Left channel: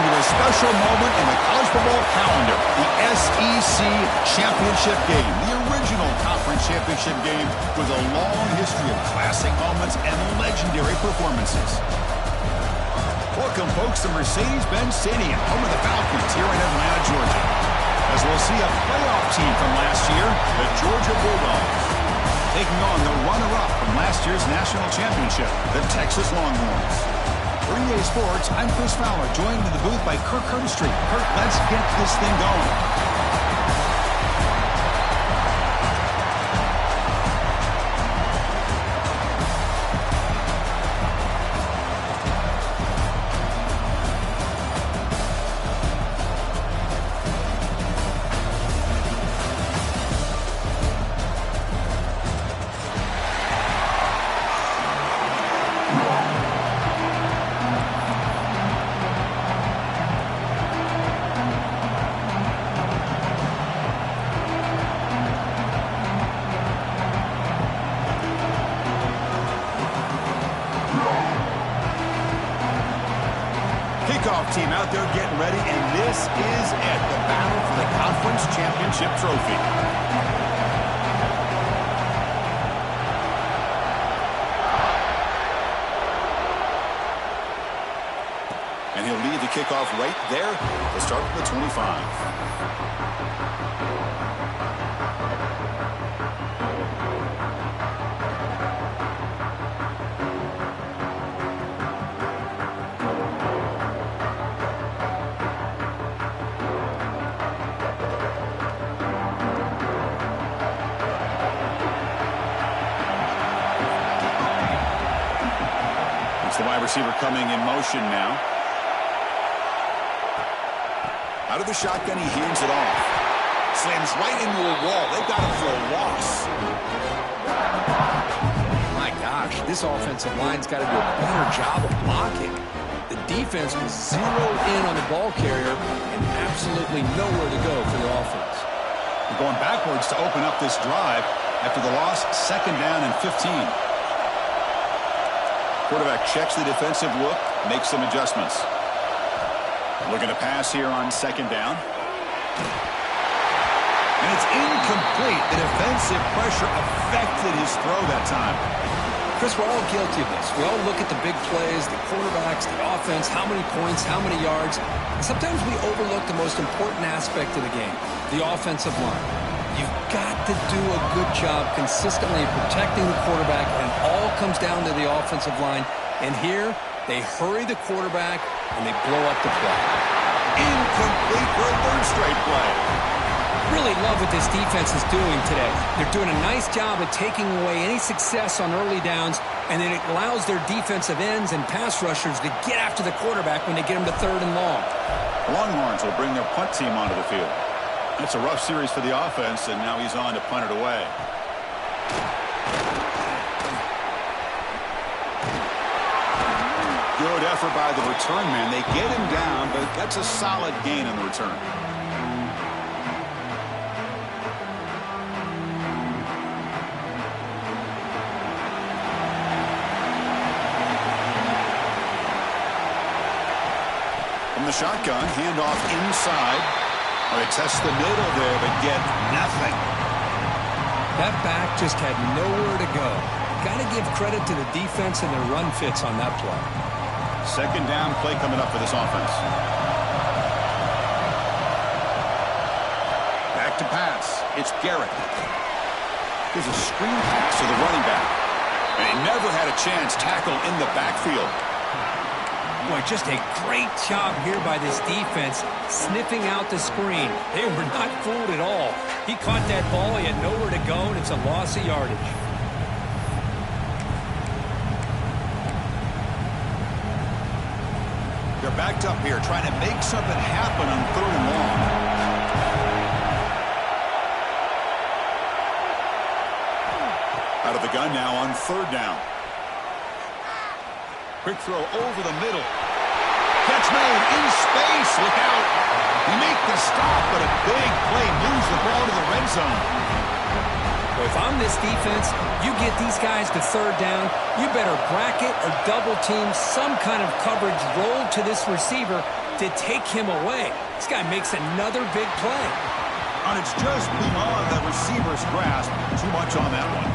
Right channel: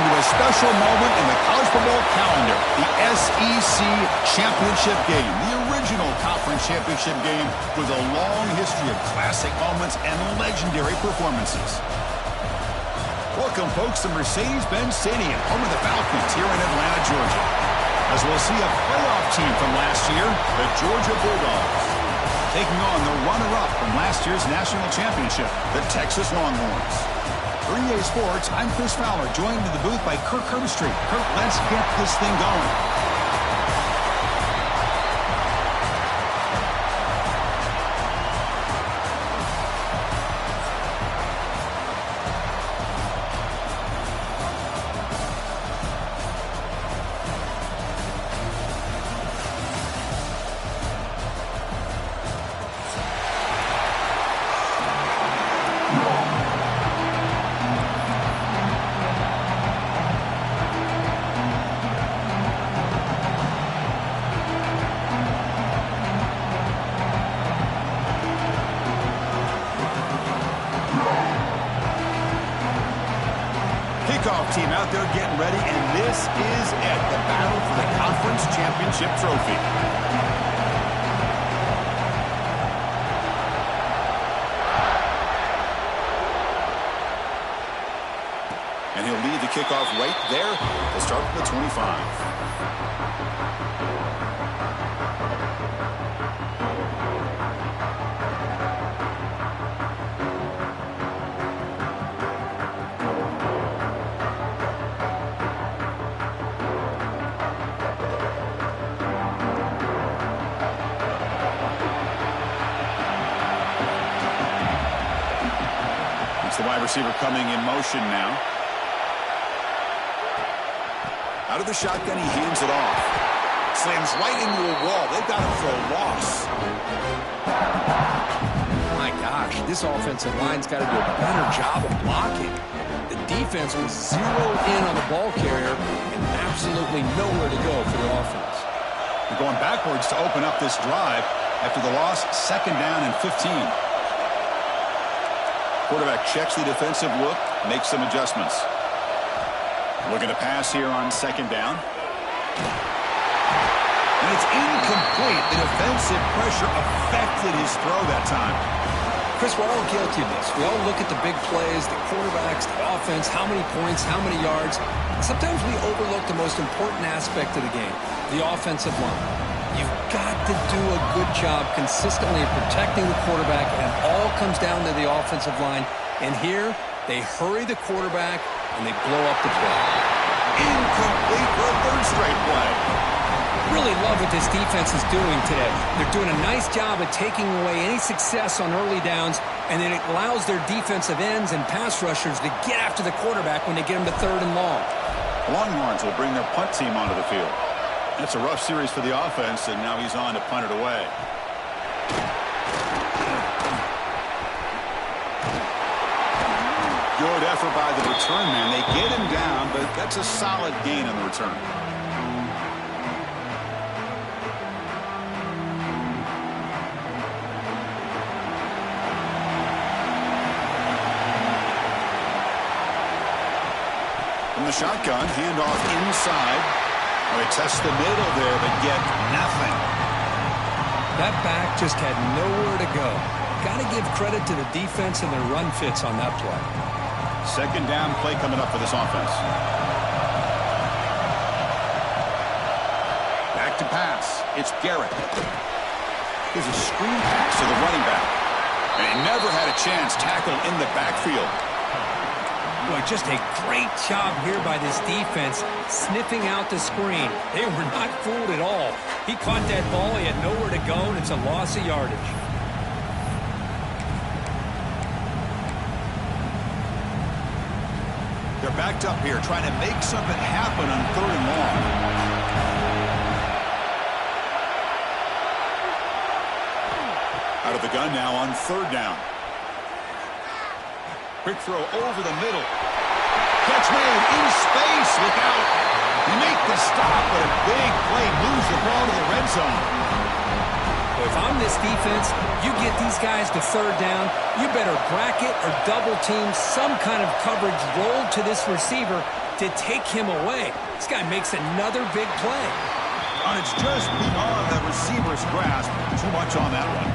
Welcome to a special moment in the college football calendar, the SEC Championship Game, the original conference championship game with a long history of classic moments and legendary performances. Welcome, folks, to Mercedes-Benz Stadium, home of the Falcons here in Atlanta, Georgia, as we'll see a playoff team from last year, the Georgia Bulldogs, taking on the runner-up from last year's national championship, the Texas Longhorns. For EA Sports, I'm Chris Fowler, joined in the booth by Kirk Herbstreit. Kirk, let's get this thing going. Kickoff team out there getting ready, and this is it, the battle for the conference championship trophy. And he'll lead the kickoff right there to start from the 25. The wide receiver coming in motion now. Out of the shotgun, he hands it off. Slams right into a wall. They've got him for a loss. My gosh, this offensive line's got to do a better job of blocking. The defense was zeroed in on the ball carrier and absolutely nowhere to go for the offense. They're going backwards to open up this drive after the loss, 2nd down and 15. Quarterback checks the defensive look, makes some adjustments. Looking to pass here on 2nd down. And it's incomplete. The defensive pressure affected his throw that time. Chris, we're all guilty of this. We all look at the big plays, the quarterbacks, the offense, how many points, how many yards. And sometimes we overlook the most important aspect of the game, the offensive line. You've got to do a good job consistently protecting the quarterback, and it all comes down to the offensive line. And here, they hurry the quarterback, and they blow up the play. Incomplete for a 3rd straight play. Really love what this defense is doing today. They're doing a nice job of taking away any success on early downs, and then it allows their defensive ends and pass rushers to get after the quarterback when they get them to 3rd and long. The Longhorns will bring their punt team onto the field. It's a rough series for the offense, and now he's on to punt it away. Good effort by the return man. They get him down, but that's a solid gain on the return. From the shotgun, handoff inside. They test the middle there, but get nothing. That back just had nowhere to go. Got to give credit to the defense and their run fits on that play. 2nd down play coming up for this offense. Back to pass. It's Garrett. Here's a screen pass to the running back. And he never had a chance tackled in the backfield. Boy, just a great job here by this defense, sniffing out the screen. They were not fooled at all. He caught that ball, he had nowhere to go, and it's a loss of yardage. They're backed up here, trying to make something happen on 3rd and long. Out of the gun now on 3rd down. Quick throw over the middle. Catch made in space. Look out. They make the stop, but a big play moves the ball to the red zone. Well, if I'm this defense, you get these guys to 3rd down, you better bracket or double team some kind of coverage rolled to this receiver to take him away. This guy makes another big play. And it's just beyond the receiver's grasp. Too much on that one.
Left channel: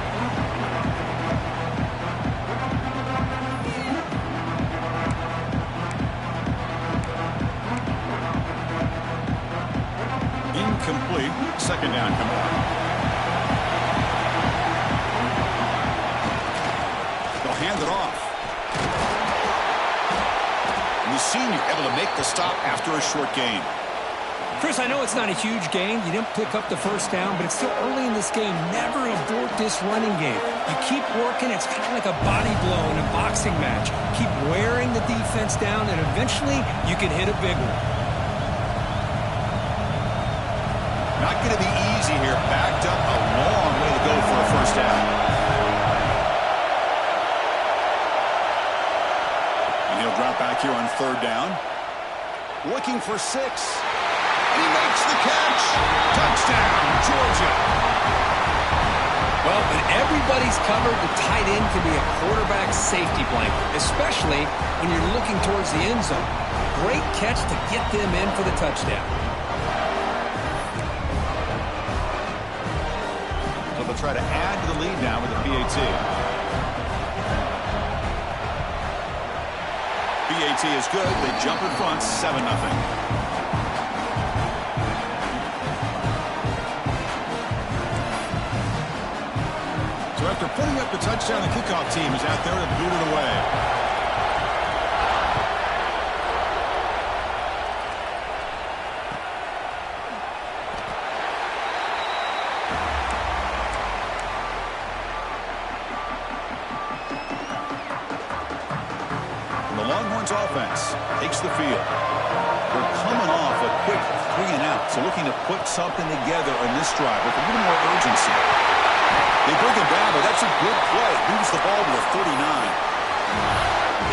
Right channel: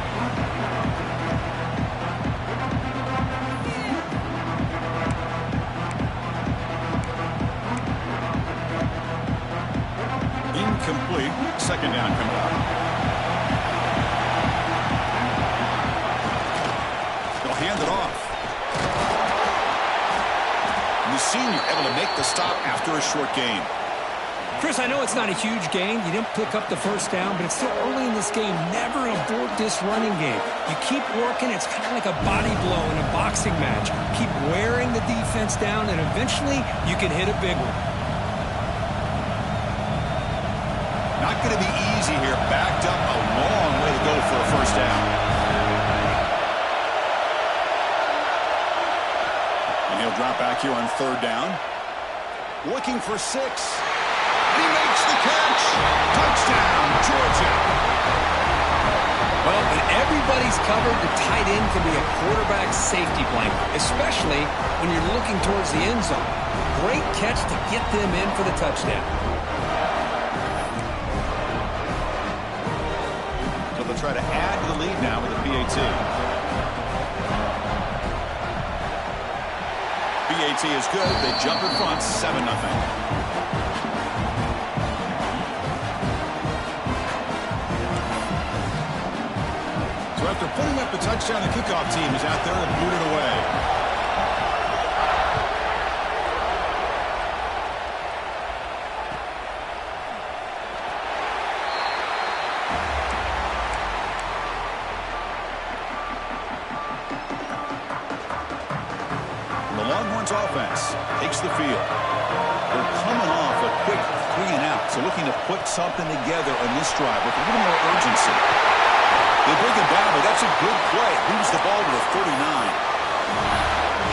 Incomplete. Second down coming up. They'll hand it off. The senior able to make the stop after a short gain. Chris, I know it's not a huge gain. You didn't pick up the first down, but it's still early in this game. Never abort this running game. You keep working. It's kind of like a body blow in a boxing match. Keep wearing the defense down, and eventually you can hit a big one. Not going to be easy here. Backed up a long way to go for a first down. And he'll drop back here on third down. Looking for 6. And he makes the catch. Touchdown, Georgia. Well, when everybody's covered, the tight end can be a quarterback's safety blanket, especially when you're looking towards the end zone. Great catch to get them in for the touchdown. So they'll try to add to the lead now with a PAT. PAT is good. They jump in front, 7-0. So after putting up the touchdown, the kickoff team is out there to boot it away. The Longhorns offense takes the field. They're coming off a quick 3-and-out, so looking to put something together on this drive with a little more urgency. They bring him down, but that's a good play. Moves the ball to the 39.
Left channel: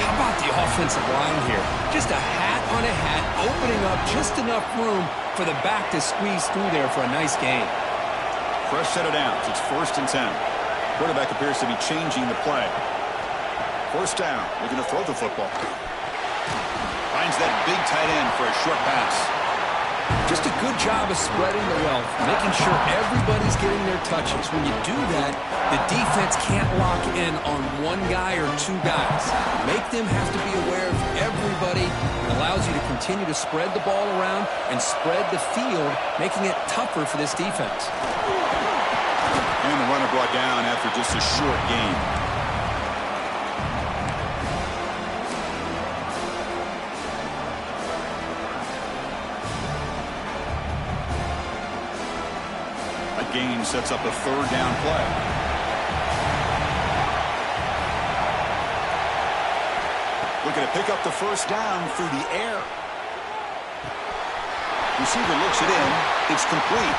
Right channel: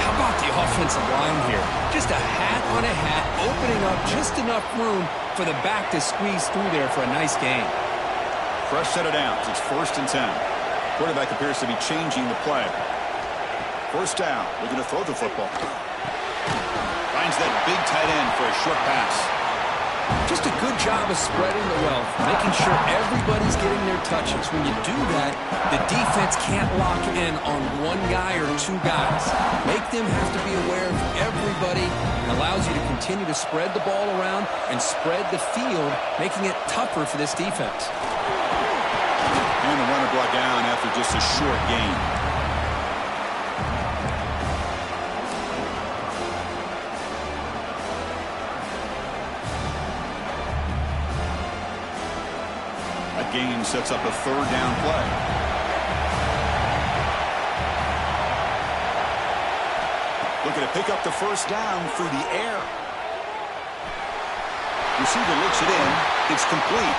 How about the offensive line here? Just a hat on a hat, opening up just enough room for the back to squeeze through there for a nice gain. Fresh set of downs. It's 1st and 10. Quarterback appears to be changing the play. First down, looking to throw the football. Finds that big tight end for a short pass. Just a good job of spreading the wealth, making sure everybody's getting their touches. When you do that, the defense can't lock in on one guy or two guys. Make them have to be aware of everybody. It allows you to continue to spread the ball around and spread the field, making it tougher for this defense. And the runner brought down after just a short gain. Gain sets up a 3rd down play. Looking to pick up the first down through the air. Receiver looks it in. It's complete.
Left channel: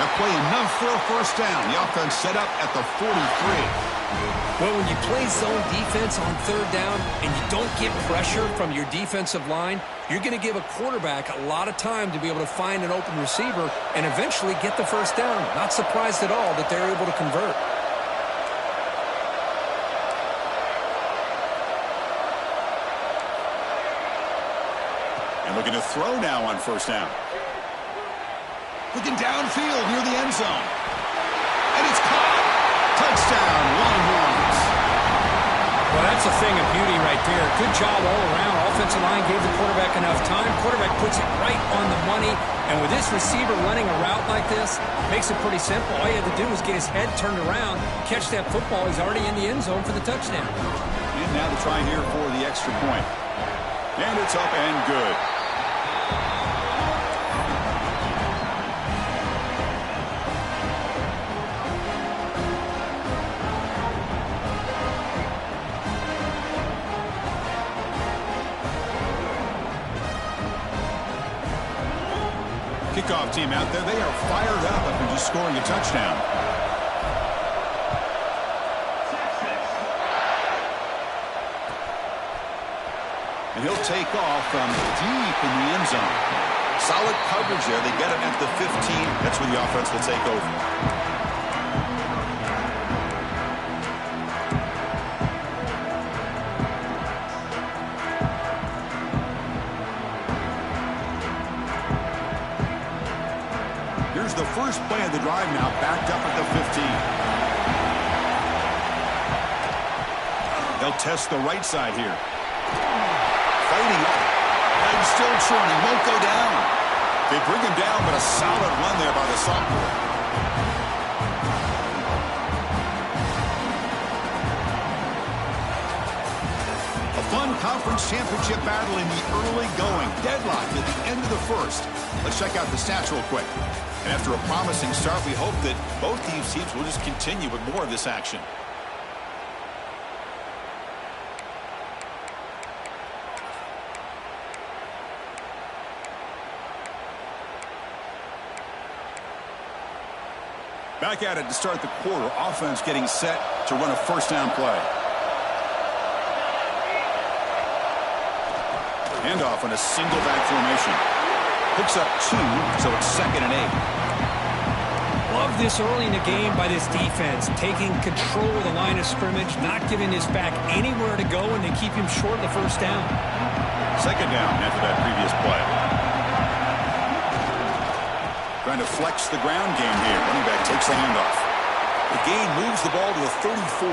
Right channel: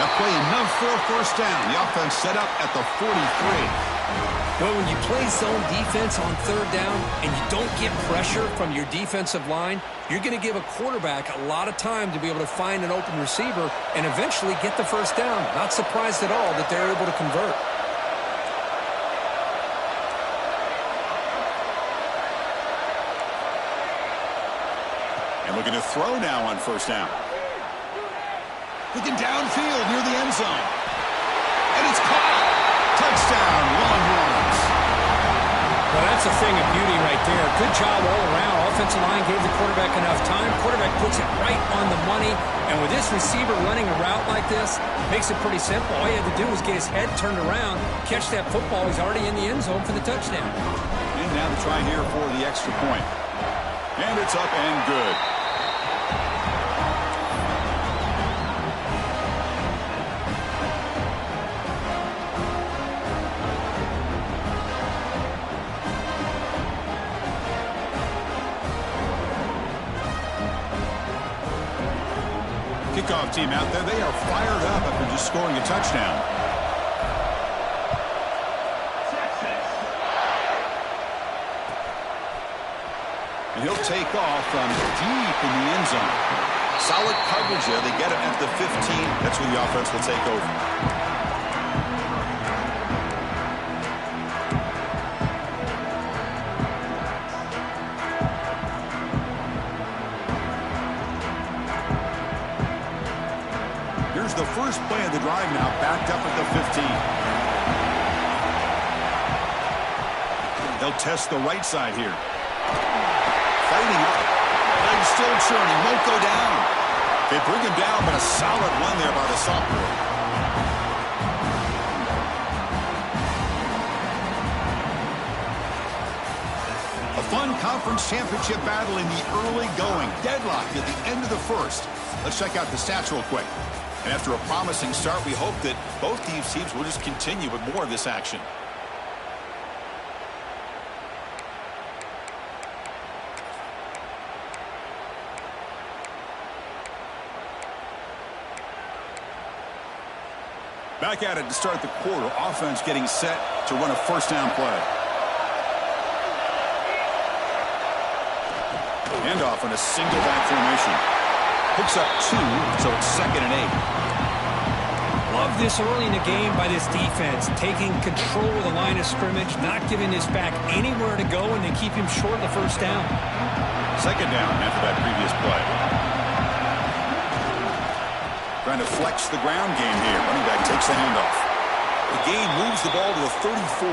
That play enough for a first down. The offense set up at the 43. Well, when you play zone defense on 3rd down and you don't get pressure from your defensive line, you're going to give a quarterback a lot of time to be able to find an open receiver and eventually get the first down. Not surprised at all that they're able to convert. And looking to throw now on first down. Looking downfield near the end zone. And it's caught. Touchdown, Longhorns. Well, that's a thing of beauty right there. Good job all around. Offensive line gave the quarterback enough time. Quarterback puts it right on the money. And with this receiver running a route like this, makes it pretty simple. All you had to do was get his head turned around, catch that football. He's already in the end zone for the touchdown. And now the try here for the extra point. And it's up and good. Kickoff team out there, they are fired up after just scoring a touchdown. And he'll take off from deep in the end zone. Solid coverage there. They get him at the 15. That's where the offense will take over. the first play of the drive now, backed up at the 15. They'll test the right side here. Fighting. Legs still churning. Won't go down. They bring him down, but a solid run there by the sophomore. A fun conference championship battle in the early going. Deadlocked at the end of the first. Let's check out the stats real quick. And after a promising start, we hope that both these teams will just continue with more of this action. Back at it to start the quarter. Offense getting set to run a first down play. Handoff in a single back formation. Picks up 2, so it's 2nd and 8. Love this early in the game by this defense. Taking control of the line of scrimmage, not giving this back anywhere to go, and they keep him short of the first down. 2nd down after that previous play. Trying to flex the ground game here. Running back takes the handoff. The gain moves the ball to the 34.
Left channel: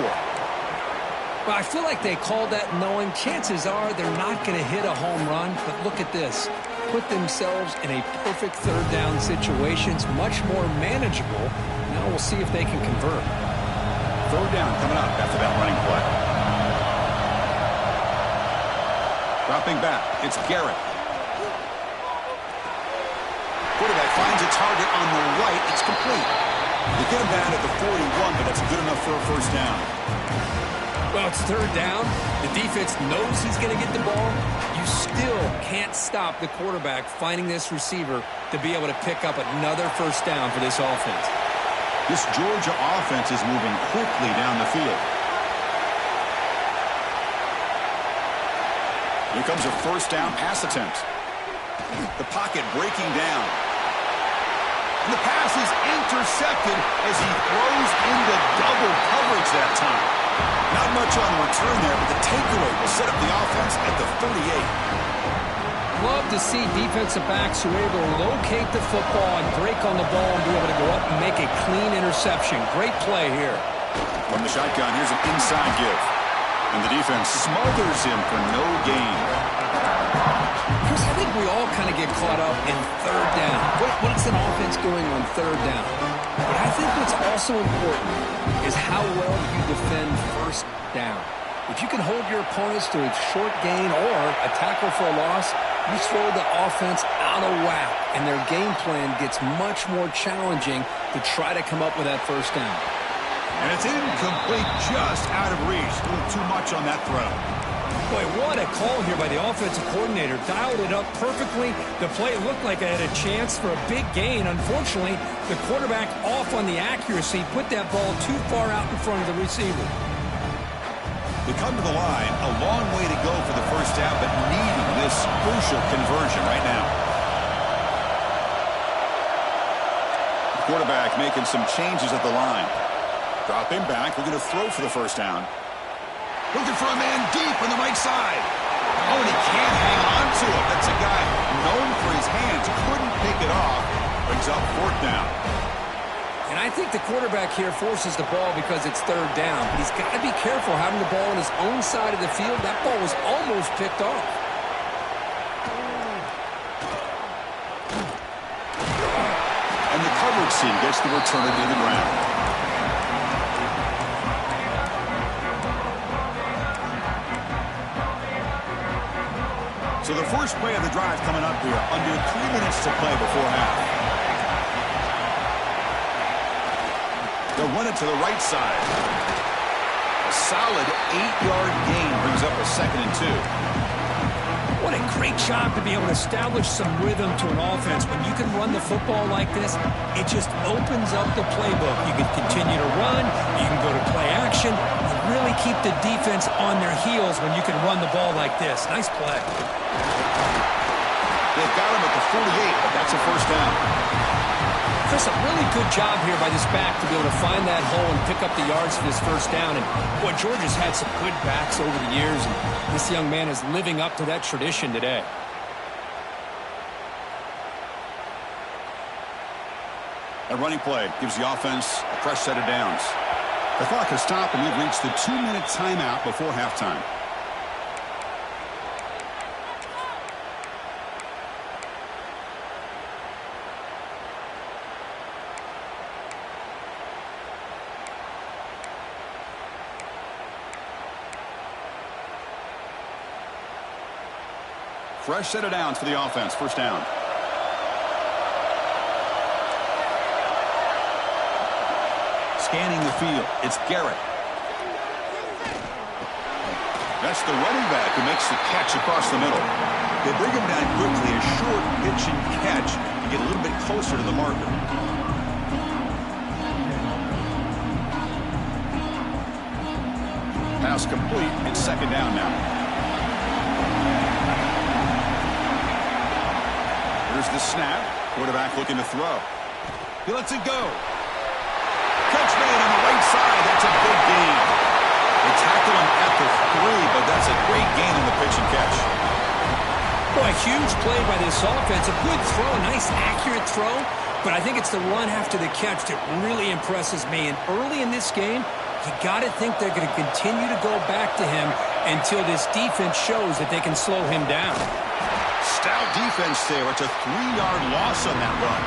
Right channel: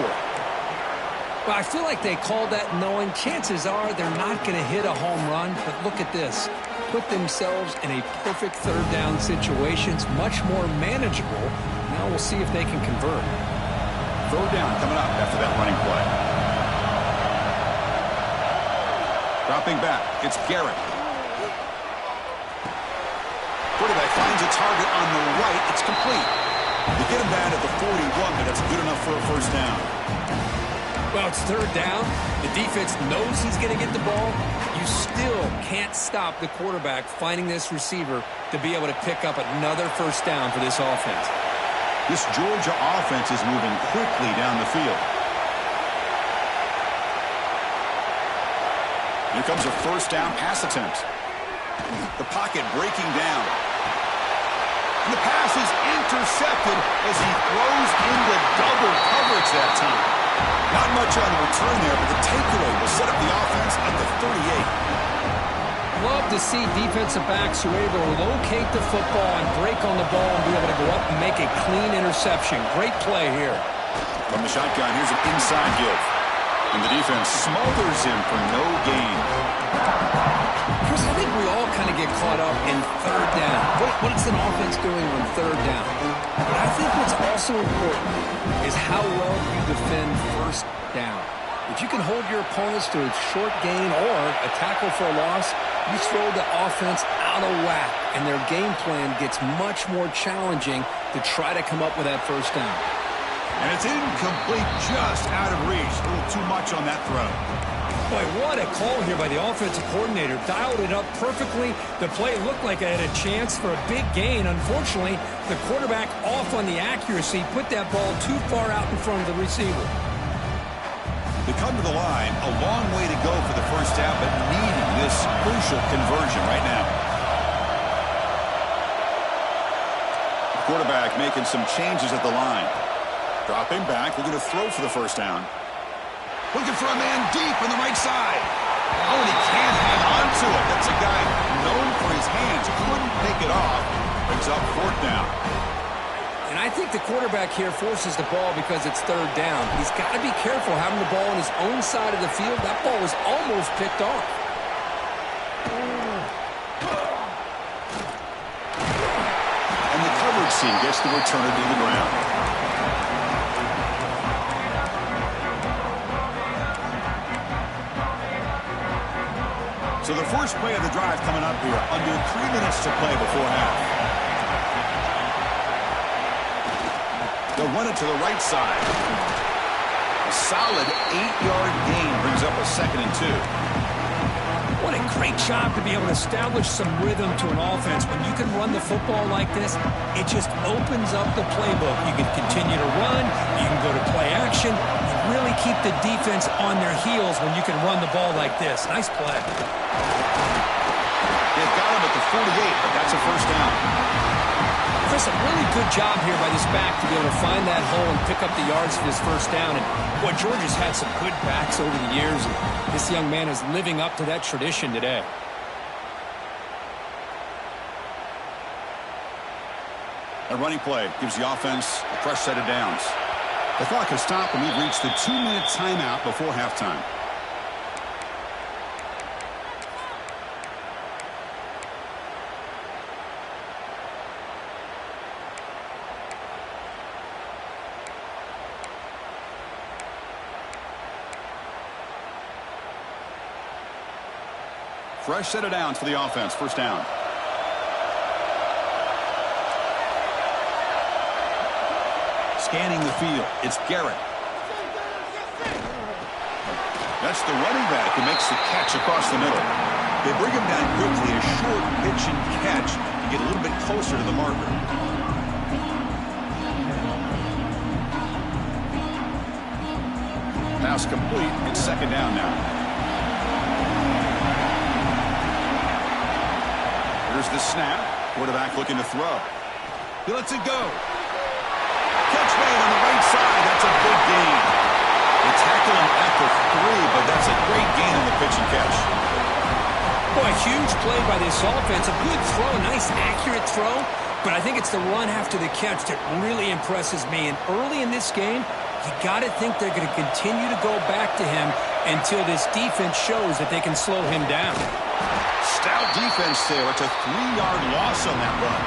Well, I feel like they called that knowing chances are they're not going to hit a home run, but look at this. Put themselves in a perfect 3rd down situation. It's much more manageable. Now we'll see if they can convert. 3rd down coming up after that running play. Dropping back, it's Garrett. Quarterback finds a target on the right. It's complete. They get him down at the 41, but that's good enough for a first down. Well, it's 3rd down. The defense knows he's going to get the ball. You still can't stop the quarterback finding this receiver to be able to pick up another first down for this offense. This Georgia offense is moving quickly down the field. Here comes a first down pass attempt. The pocket breaking down. And the pass is intercepted as he throws into double coverage that time. Not much on the return there, but the takeaway will set up the offense at the 38. Love to see defensive backs who are able to locate the football and break on the ball and be able to go up and make a clean interception. Great play here. From the shotgun, here's an inside give. And the defense smothers him for no gain. Chris, I think we all kind of get caught up in 3rd down. What's an offense doing on 3rd down? But I think what's also important is how well you defend 1st down. If you can hold your opponents to a short gain or a tackle for a loss, you throw the offense out of whack, and their game plan gets much more challenging to try to come up with that first down. And it's incomplete, just out of reach. A little too much on that throw. Boy, what a call here by the offensive coordinator. Dialed it up perfectly. The play looked like it had a chance for a big gain. Unfortunately, the quarterback off on the accuracy, put that ball too far out in front of the receiver. They come to the line, a long way to go for the first down, but needing this crucial conversion right now. The quarterback making some changes at the line. Dropping back, looking to throw for the first down. Looking for a man deep on the right side. Oh, and he can't hang on to it. That's a guy known for his hands. Couldn't pick it off. Brings up 4th down. And I think the quarterback here forces the ball because it's 3rd down. But he's got to be careful having the ball on his own side of the field. That ball was almost picked off. And the coverage team gets the returner to the ground. So the first play of the drive coming up here. Under 3 minutes to play before half. They'll run it to the right side. A solid 8-yard gain brings up a 2nd and 2. What a great job to be able to establish some rhythm to an offense. When you can run the football like this, it just opens up the playbook. You can continue to run. You can go to play action. And really keep the defense on their heels when you can run the ball like this. Nice play. They've got him at the 48, but that's a first down. Chris, a really good job here by this back to be able to find that hole and pick up the yards for this first down. And, boy, Georgia's had some good backs over the years, and this young man is living up to that tradition today. A running play gives the offense a fresh set of downs. The clock has stopped, and we've reached the 2-minute timeout before halftime. Fresh set of downs for the offense. First down. Scanning the field. It's Garrett. That's the running back who makes the catch across the middle. They bring him down quickly. A short pitch and catch to get a little bit closer to the marker. Pass complete. It's second down now. Here's the snap. Quarterback looking to throw. He lets it go. Catch made on the right side. That's a big gain. They tackle him at the 3, but that's a great gain on the pitch and catch. Boy, a huge play by this offense. A good throw, a nice accurate throw. But I think it's the run after the catch that really impresses me. And early in this game, you got to think they're going to continue to go back to him until this defense shows that they can slow him down. Stout defense there. It's a 3-yard loss on that run.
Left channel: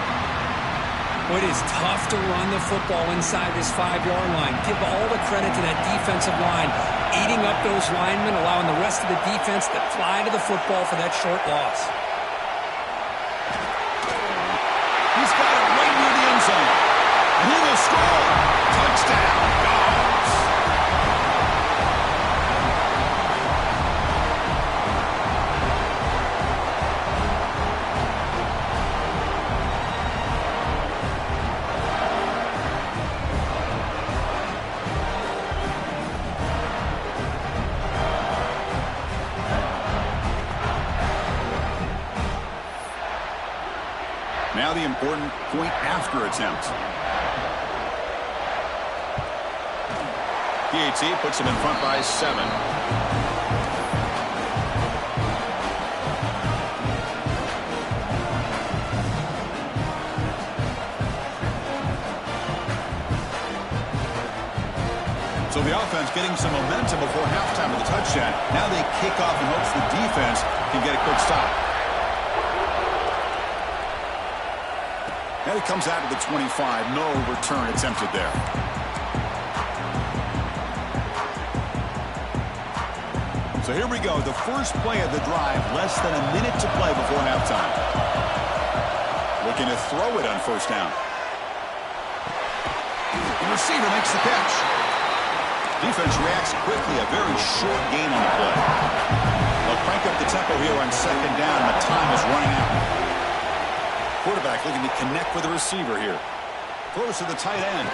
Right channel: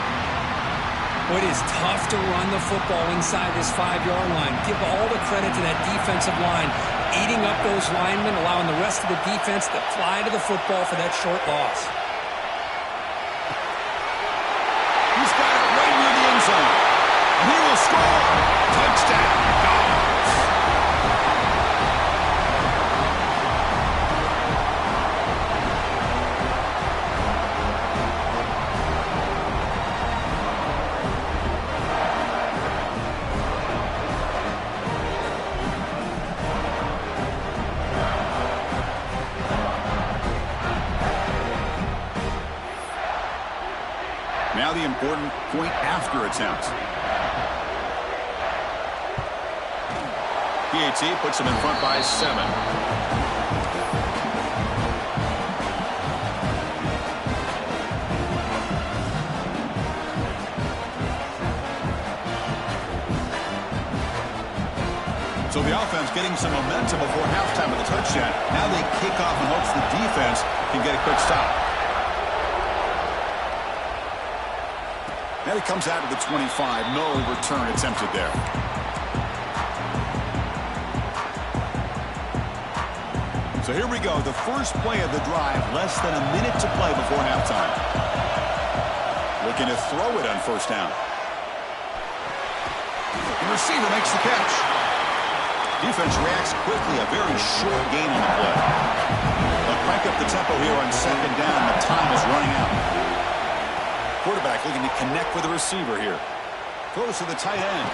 Well, it is tough to run the football inside this 5-yard line. Give all the credit to that defensive line, eating up those linemen, allowing the rest of the defense to fly to the football for that short loss. He's got it right near the end zone. And he will score. Touchdown, Dogs. Now the important point after attempt. PAT puts him in front by 7. So the offense getting some momentum before halftime with the touchdown. Now they kick off in hopes the defense can get a quick stop. And it comes out to the 25. No return attempted there. So here we go. The first play of the drive. Less than a minute to play before halftime. Looking to throw it on first down. The receiver makes the catch. Defense reacts quickly. A very short gain on the play. They'll crank up the tempo here on second down. The time is running out. Quarterback looking to connect with the receiver here. Throws to the tight end.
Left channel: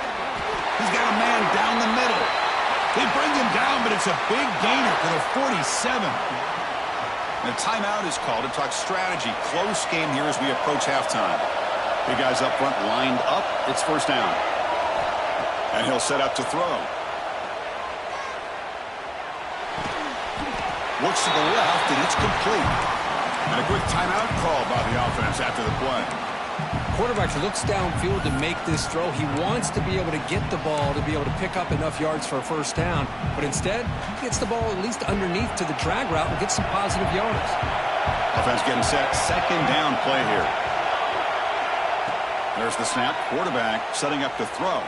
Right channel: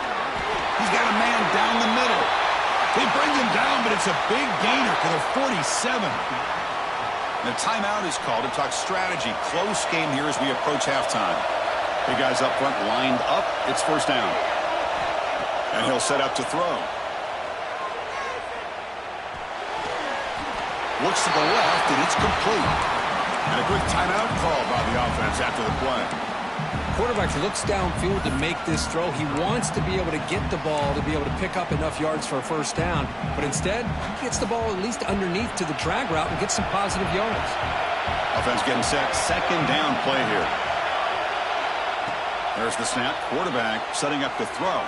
He's got a man down the middle. They bring him down, but it's a big gainer to the 47. And a timeout is called to talk strategy. Close game here as we approach halftime. Big guys up front lined up. It's first down. And he'll set up to throw. Looks to the left, and it's complete. And a quick timeout called by the offense after the play. Quarterback looks downfield to make this throw. He wants to be able to get the ball to be able to pick up enough yards for a first down. But instead, he gets the ball at least underneath to the drag route and gets some positive yards. Offense getting set. Second down play here. There's the snap. Quarterback setting up to throw.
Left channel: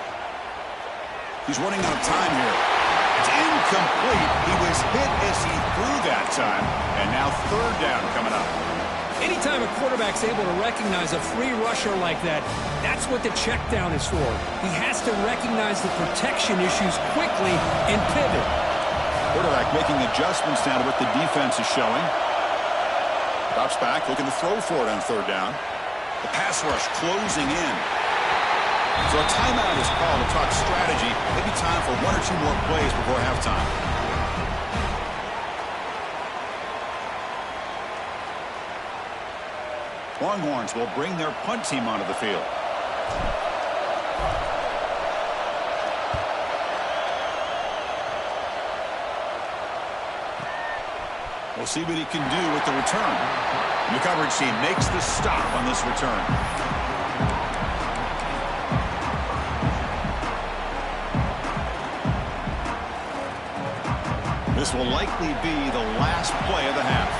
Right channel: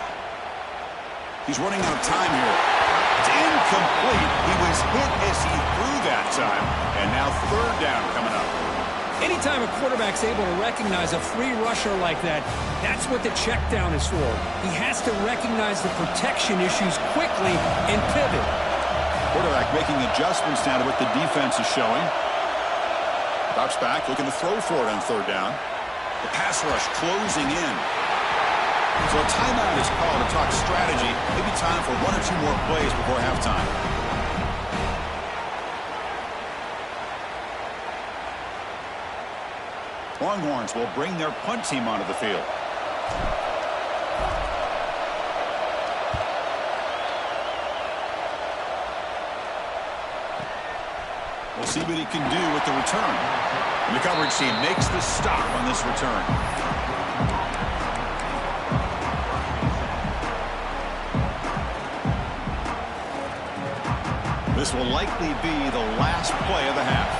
He's running out of time here. It's incomplete. He was hit as he threw that time. And now third down coming up. Anytime a quarterback's able to recognize a free rusher like that, that's what the check down is for. He has to recognize the protection issues quickly and pivot. Quarterback making adjustments now to what the defense is showing. Drops back, looking to throw for it on third down. The pass rush closing in. So a timeout is called to talk strategy. Maybe time for 1 or 2 more plays before halftime. Longhorns will bring their punt team onto the field. We'll see what he can do with the return. And the coverage team makes the stop on this return. This will likely be the last play of the half.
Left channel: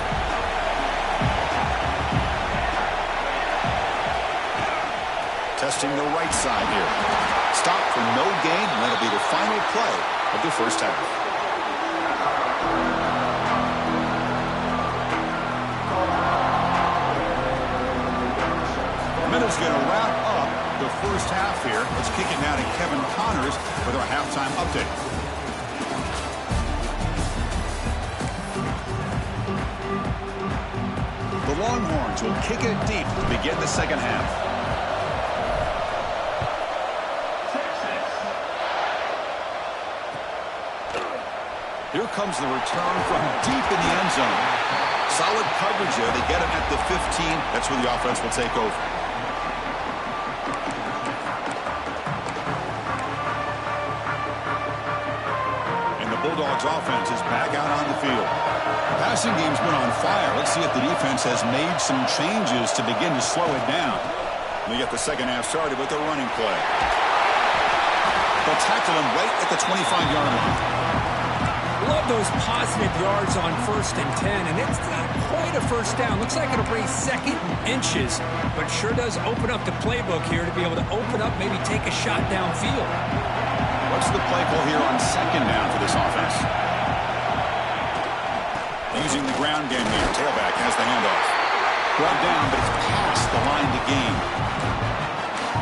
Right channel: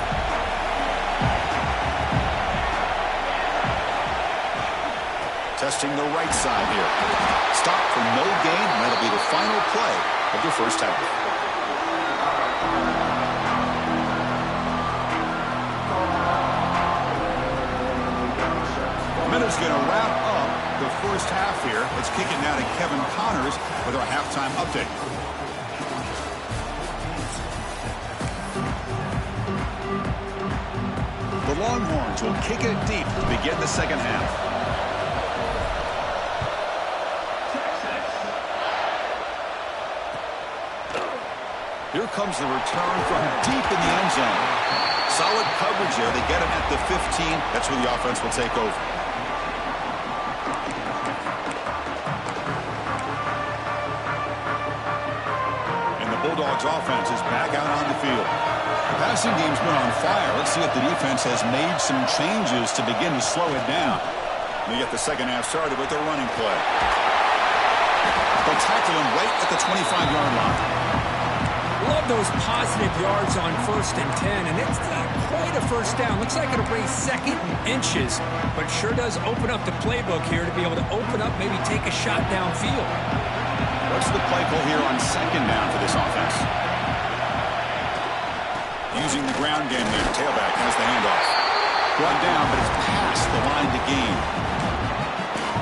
Testing the right side here. Stop for no gain, and that'll be the final play of the first half. Minute's going to wrap up the first half here. Let's kick it now to Kevin Connors with our halftime update. The Longhorns will kick it deep to begin the second half. Here comes the return from deep in the end zone. Solid coverage there. They get him at the 15. That's where the offense will take over. And the Bulldogs offense is back out on the field. The passing game's been on fire. Let's see if the defense has made some changes to begin to slow it down. They get the second half started with their running play. They'll tackle him right at the 25-yard line. Love those positive yards on 1st and 10, and it's not quite a first down. Looks like it'll bring second and inches, but sure does open up the playbook here to be able to open up, maybe take a shot downfield. What's the play call here on second down for this offense? Using the ground game here. Tailback has the handoff. Brought down, but it's past the line to gain.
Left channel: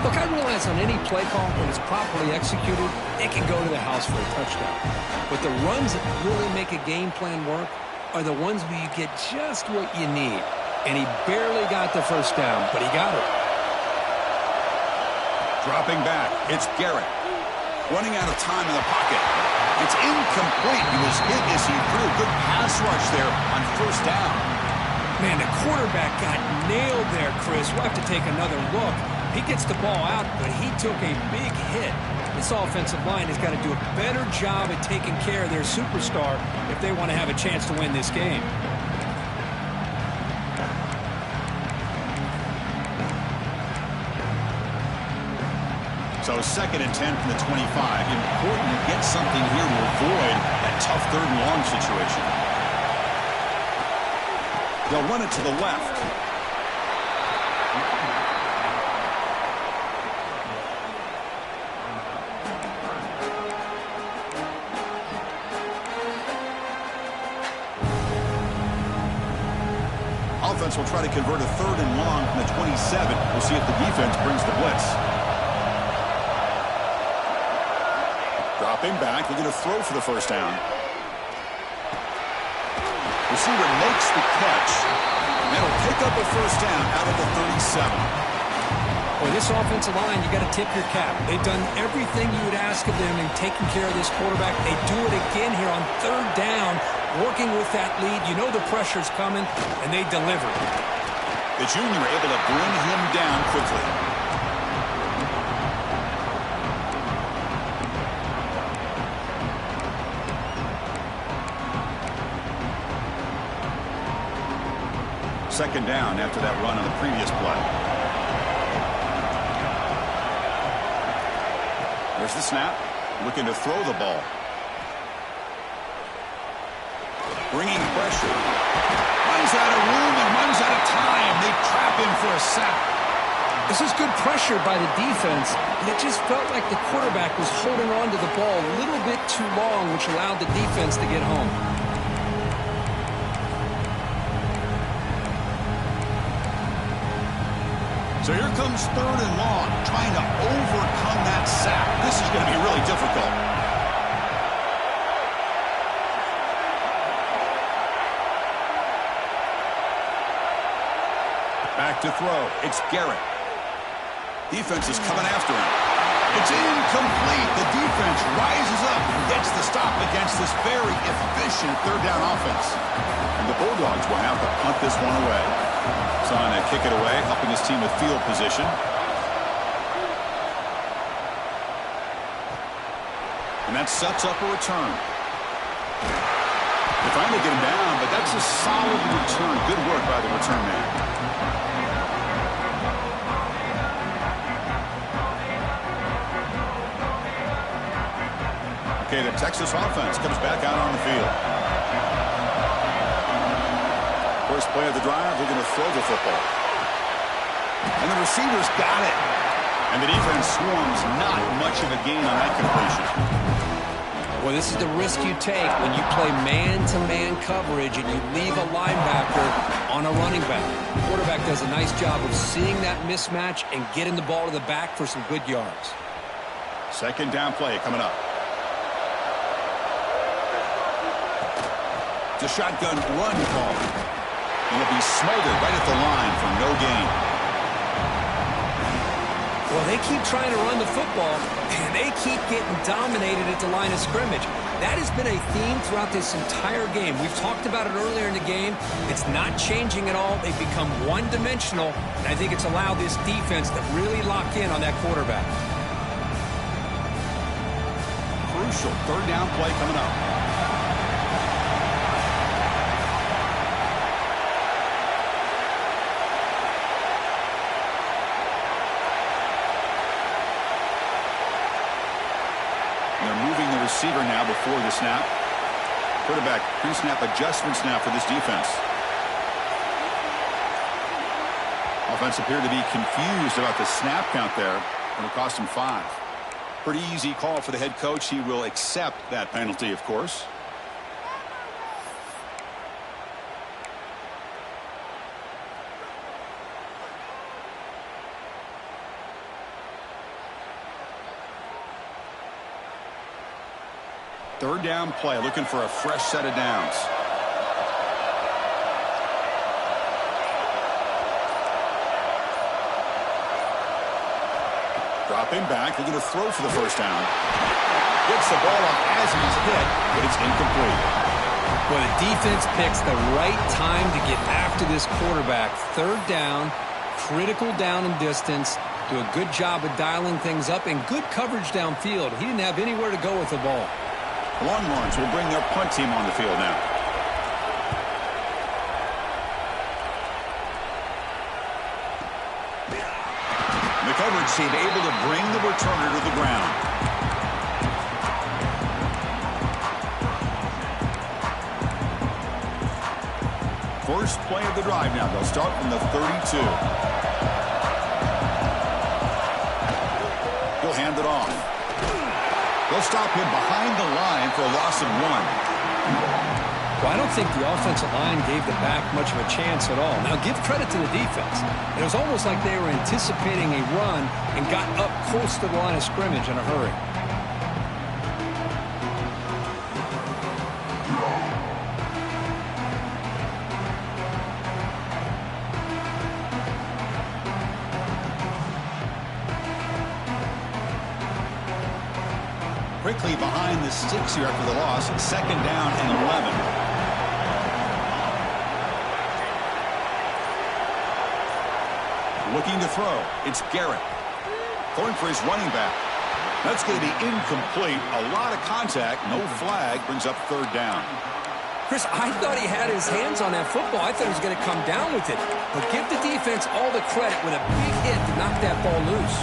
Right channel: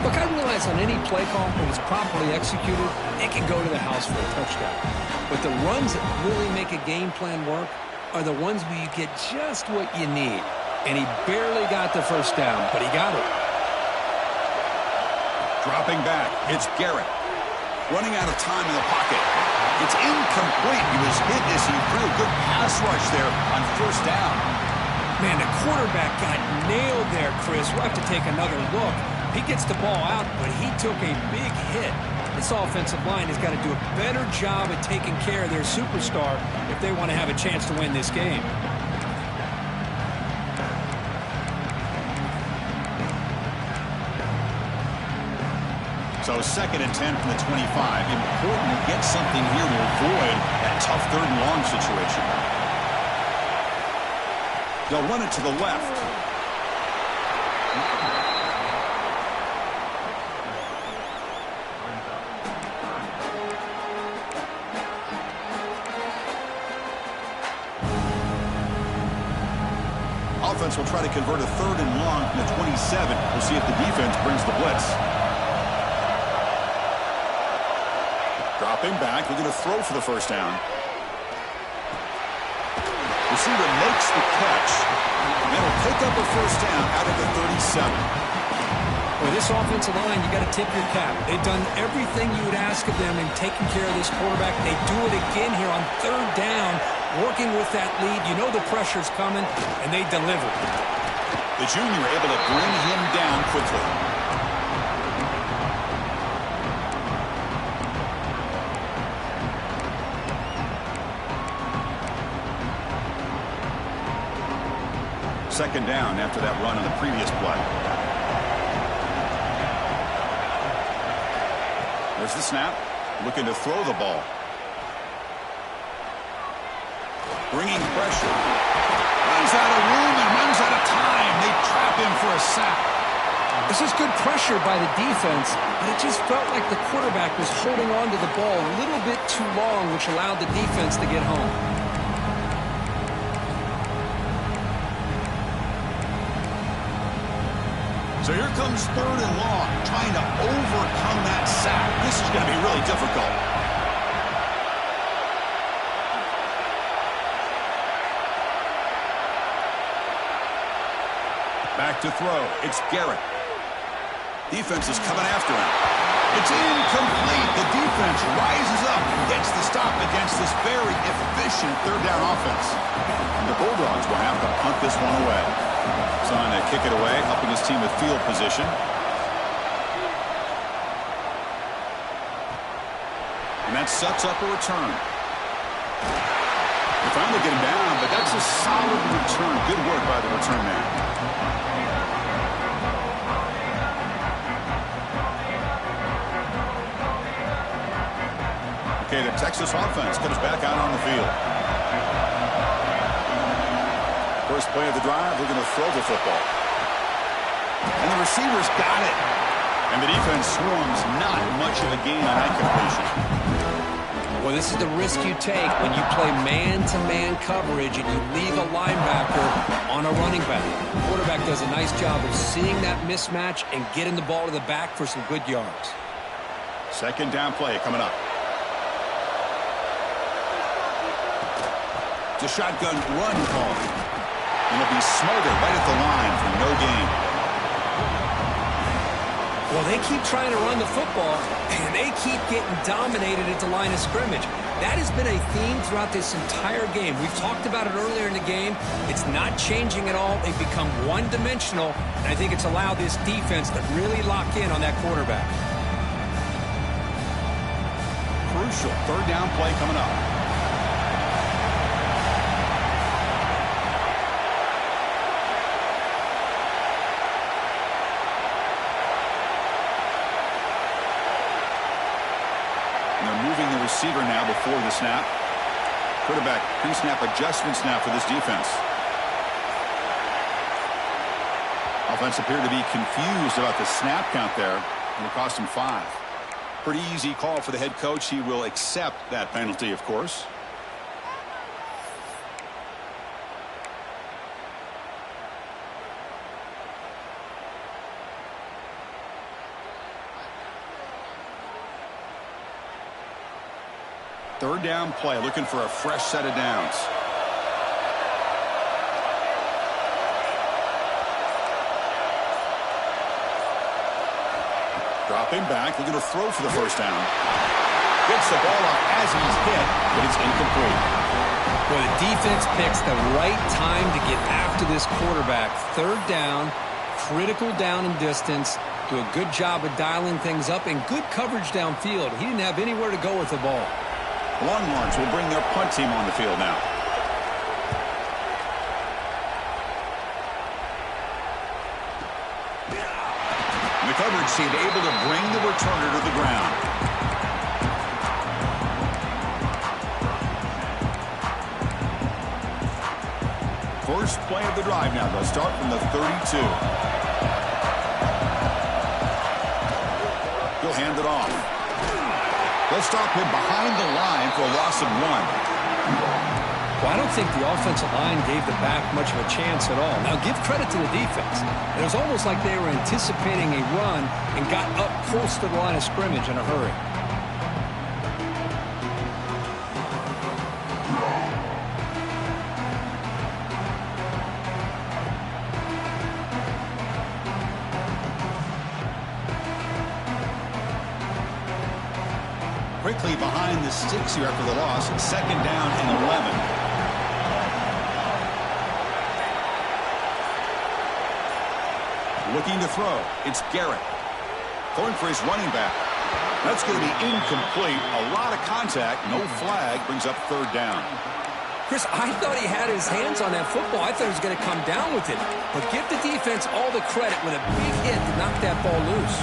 Look, I realize on any play call, when it's properly executed, it can go to the house for a touchdown. But the runs that really make a game plan work are the ones where you get just what you need. And he barely got the first down, but he got it. Dropping back, it's Garrett. Running out of time in the pocket. It's incomplete. He was hit as he threw a good pass rush there on first down. Man, the quarterback got nailed there, Chris. We'll have to take another look. He gets the ball out, but he took a big hit. This offensive line has got to do a better job at taking care of their superstar if they want to have a chance to win this game. So 2nd and 10 from the 25. Important to get something here to avoid that tough 3rd and long situation. They'll run it to the left. Offense will try to convert a 3rd and long from the 27. We'll see if the defense brings the blitz. Dropping back, looking to throw for the first down. Receiver makes the catch, and it'll pick up a first down out of the 37. Boy, this offensive line, you got to tip your cap. They've done everything you would ask of them in taking care of this quarterback. They do it again here on 3rd down, working with that lead. You know the pressure's coming, and they deliver. The junior able to bring him down quickly. Second down after that run on the previous play. There's the snap. Looking to throw the ball. Bringing pressure. Runs out of room and runs out of time. They trap him for a sack. This is good pressure by the defense, but it just felt like the quarterback was holding on to the ball a little bit too long, which allowed the defense to get home. So here comes 3rd and long, trying to overcome that sack. This is going to be really difficult. Back to throw. It's Garrett. Defense is coming after him. It's incomplete. The defense rises up and gets the stop against this very efficient 3rd down offense. And the Bulldogs will have to punt this one away. Son to kick it away, helping his team with field position. And that sets up a return. They finally get him down, but that's a solid return. Good work by the return man. Okay, the Texas offense comes back out on the field. First play of the drive, they're going to throw the football. And the receivers got it. And the defense swarms, not much of a gain on that completion. Well, this is the risk you take when you play man-to-man coverage and you leave a linebacker on a running back. The quarterback does a nice job of seeing that mismatch and getting the ball to the back for some good yards. Second down play coming up. It's a shotgun run call. He'll be smothered right at the line for no gain. Well, they keep trying to run the football, and they keep getting dominated at the line of scrimmage. That has been a theme throughout this entire game. We've talked about it earlier in the game. It's not changing at all. They've become one-dimensional, and I think it's allowed this defense to really lock in on that quarterback. Crucial third down play coming up. They're moving the receiver now before the snap. Quarterback pre-snap adjustments now for this defense. Offense appeared to be confused about the snap count there. It'll cost him 5. Pretty easy call for the head coach. He will accept that penalty, of course. Third down play, looking for a fresh set of downs. Dropping back, looking to throw for the first down. Gets the ball off as he's hit, but it's incomplete. Well, the defense picks the right time to get after this quarterback. Third down, critical down and distance. Do a good job of dialing things up and good coverage downfield. He didn't have anywhere to go with the ball. Longhorns will bring their punt team on the field now. The coverage team able to bring the returner to the ground. First play of the drive now. They'll start from the 32. He'll hand it off. They'll stop him behind the line for a loss of 1. Well, I don't think the offensive line gave the back much of a chance at all. Now, give credit to the defense. It was almost like they were anticipating a run and got up close to the line of scrimmage in a hurry. Quickly behind the sticks here after the loss. Second down and 11. Looking to throw. It's Garrett. Throwing for his running back. That's going to be incomplete. A lot of contact. No flag. Brings up third down. Chris, I thought he had his hands on that football. I thought he was going to come down with it. But give the defense all the credit with a big hit to knock that ball loose.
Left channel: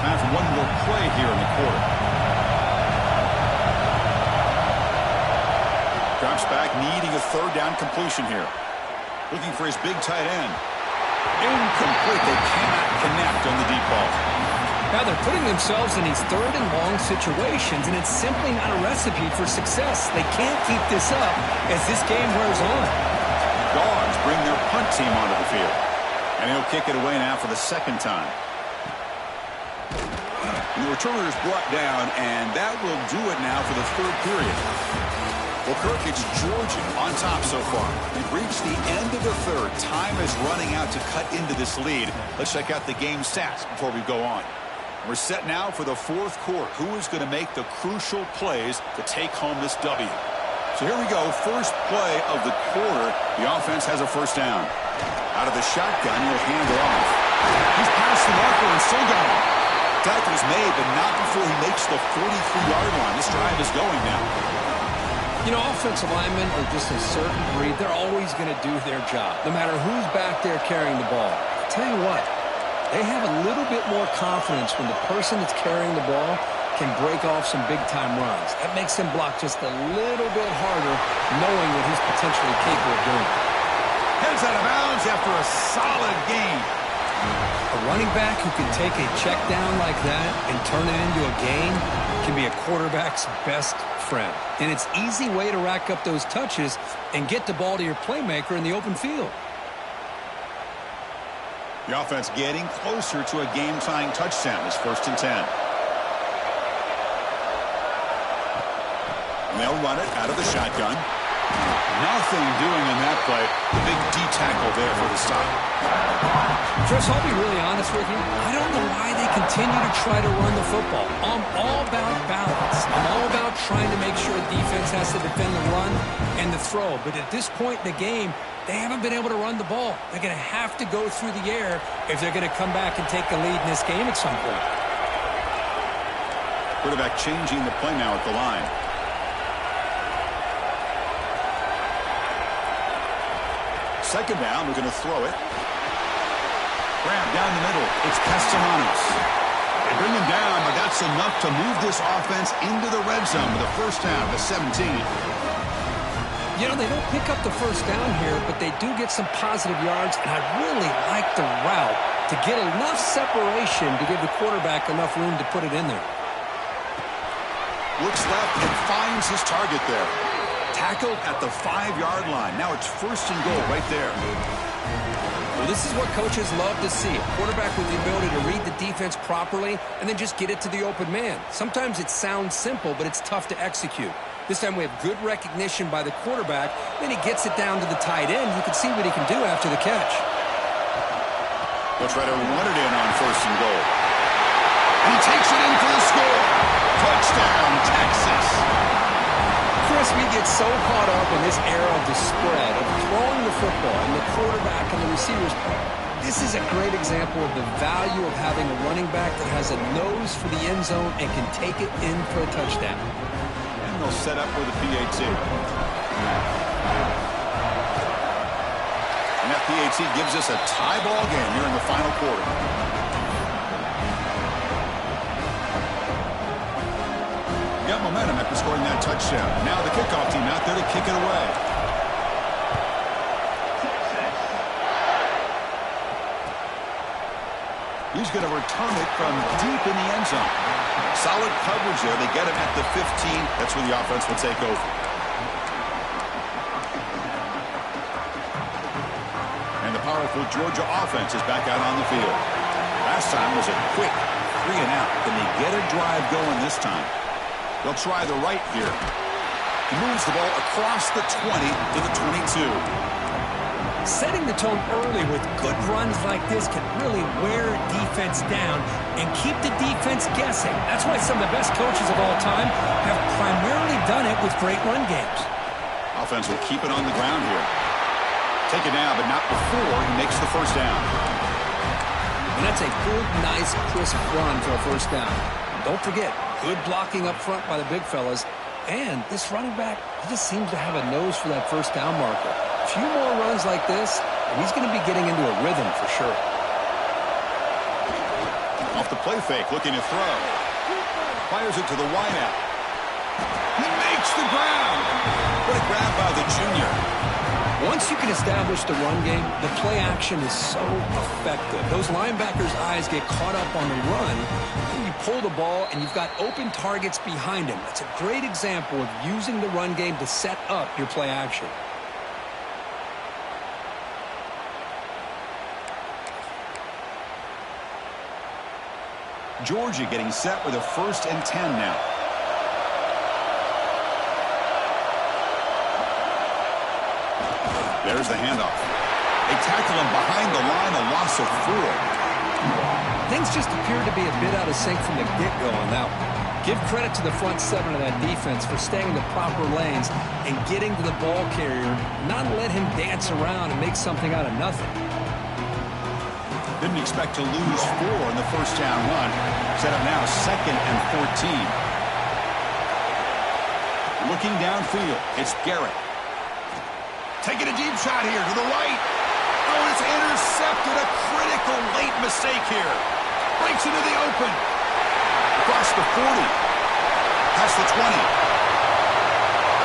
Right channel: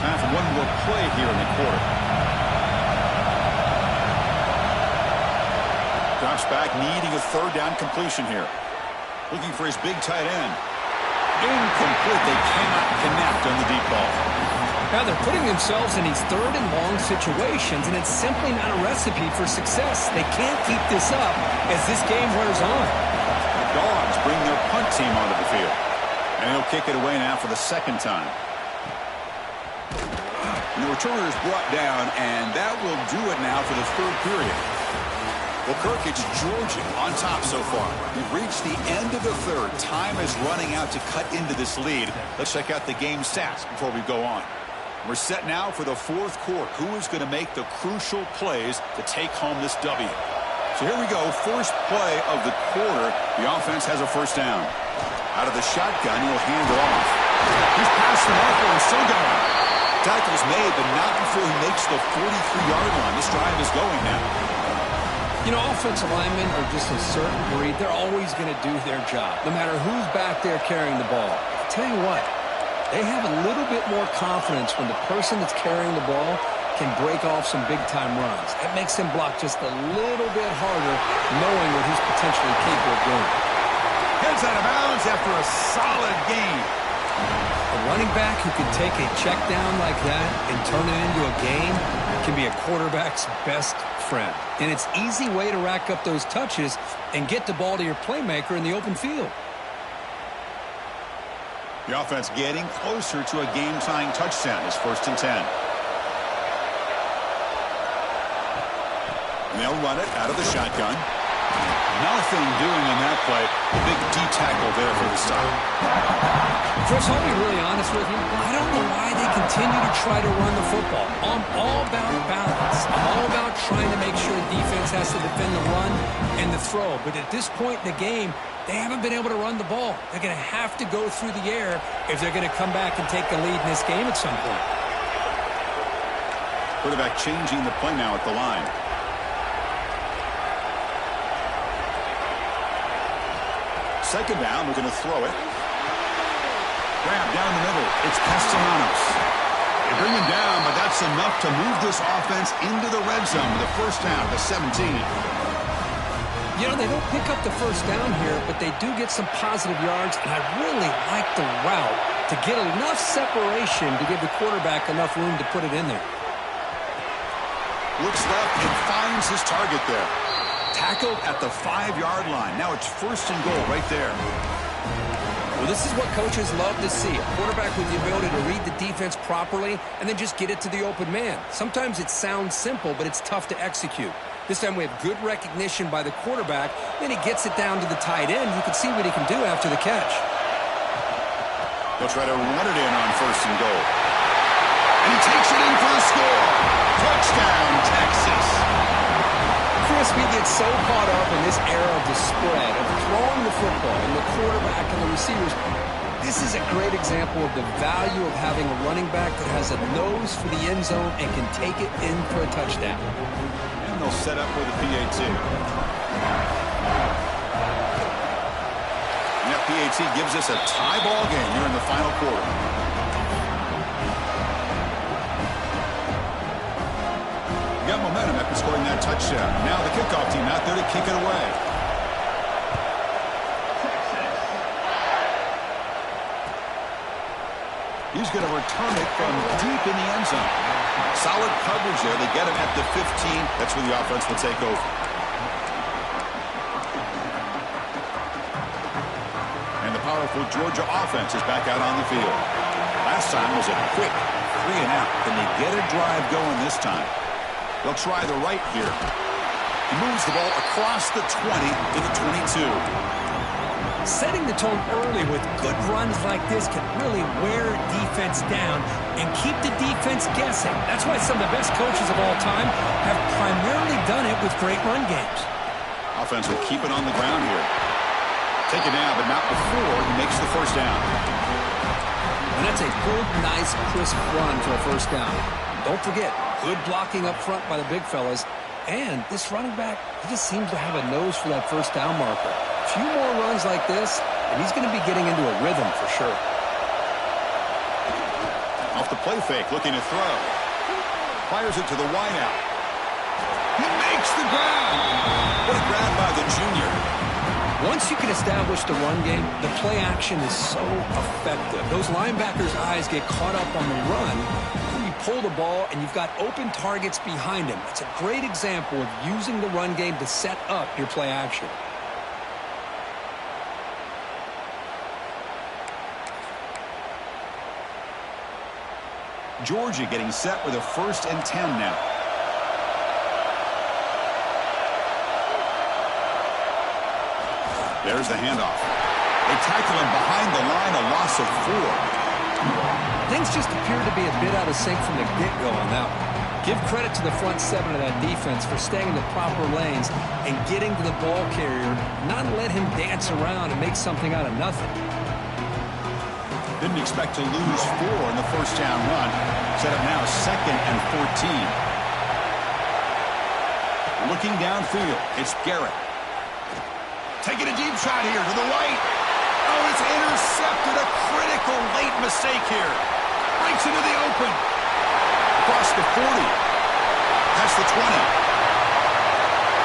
Time for one more play here in the quarter. Drops back, needing a third down completion here. Looking for his big tight end. Incomplete. They cannot connect on the deep ball. Now they're putting themselves in these third and long situations, and it's simply not a recipe for success. They can't keep this up as this game wears on. The Dogs bring their punt team onto the field. And he'll kick it away now for the second time. And the returner is brought down, and that will do it now for the third period. Well, Kirk, it's Georgia on top so far. We've reached the end of the third. Time is running out to cut into this lead. Let's check out the game stats before we go on. We're set now for the fourth quarter. Who is going to make the crucial plays to take home this W? So here we go. First play of the quarter. The offense has a first down. Out of the shotgun, he'll hand it off. He's past the marker and still going. Tackle is made, but not before he makes the 43-yard line. This drive is going now. You know, offensive linemen are just a certain breed. They're always going to do their job, no matter who's back there carrying the ball. I'll tell you what, they have a little bit more confidence when the person that's carrying the ball can break off some big-time runs. That makes him block just a little bit harder, knowing what he's potentially capable of doing. Heads out of bounds after a solid gain. A running back who can take a check down like that and turn it into a gain can be a quarterback's best friend. And it's an easy way to rack up those touches and get the ball to your playmaker in the open field. The offense getting closer to a game-tying touchdown. It's 1st and 10. And they'll run it out of the shotgun. Nothing doing on that play. The big D tackle there for the stop. Chris, I'll be really honest with you. I don't know why they continue to try to run the football. I'm all about balance. I'm all about trying to make sure a defense has to defend the run and the throw. But at this point in the game, they haven't been able to run the ball. They're going to have to go through the air if they're going to come back and take the lead in this game at some point. Quarterback changing the play now at the line. Second down, we're going to throw it. Grab down the middle. It's Castellanos. They bring him down, but that's enough to move this offense into the red zone with a first down to 17. You know, they don't pick up the first down here, but they do get some positive yards, and I really like the route to get enough separation to give the quarterback enough room to put it in there. Looks left and finds his target there. Tackled at the 5-yard line. Now it's 1st and goal right there. Well, this is what coaches love to see. A quarterback with the ability to read the defense properly and then just get it to the open man. Sometimes it sounds simple, but it's tough to execute. This time we have good recognition by the quarterback. Then he gets it down to the tight end. You can see what he can do after the catch. They'll try to run it in on 1st and goal. And he takes it in for the score. Touchdown, Texas. Chris, we get so caught up in this era of the spread, of throwing the football and the quarterback and the receivers. This is a great example of the value of having a running back that has a nose for the end zone and can take it in for a touchdown. And they'll set up with a PAT. And that PAT gives us a tie ball game here in the final quarter. Got momentum after scoring that touchdown. Now the kickoff team out there to kick it away. He's going to return it from deep in the end zone. Solid coverage there. They get him at the 15. That's where the offense will take over. And the powerful Georgia offense is back out on the field. Last time was a quick 3 and out. Can they get a drive going this time? They'll try the right here. He moves the ball across the 20 to the 22. Setting the tone early with good runs like this can really wear a defense down and keep the defense guessing. That's why some of the best coaches of all time have primarily done it with great run games. Offense will keep it on the ground here. Take it down, but not before he makes the first down. And that's a good, nice, crisp run for a first down. Don't forget, good blocking up front by the big fellas. And this running back, he just seems to have a nose for that first down marker. A few more runs like this, and he's going to be getting into a rhythm for sure. Off the play fake, looking to throw. Fires it to the wideout. He makes the grab. What a grab by the junior. Once you can establish the run game, the play action is so effective. Those linebackers' eyes get caught up on the run, and you pull the ball, and you've got open targets behind him. That's a great example of using the run game to set up your play action. Georgia getting set with a 1st and 10 now. There's the handoff. They tackle him behind the line, a loss of 4. Things just appear to be a bit out of sync from the get-go on that one. Give credit to the front 7 of that defense for staying in the proper lanes and getting to the ball carrier, not let him dance around and make something out of nothing. Didn't expect to lose 4 in the first down run. Set up now 2nd and 14. Looking downfield, it's Garrett. Taking a deep shot here to the right. Oh, it's intercepted. A critical late mistake here. Breaks into the open. Across across the 40. Past the 20.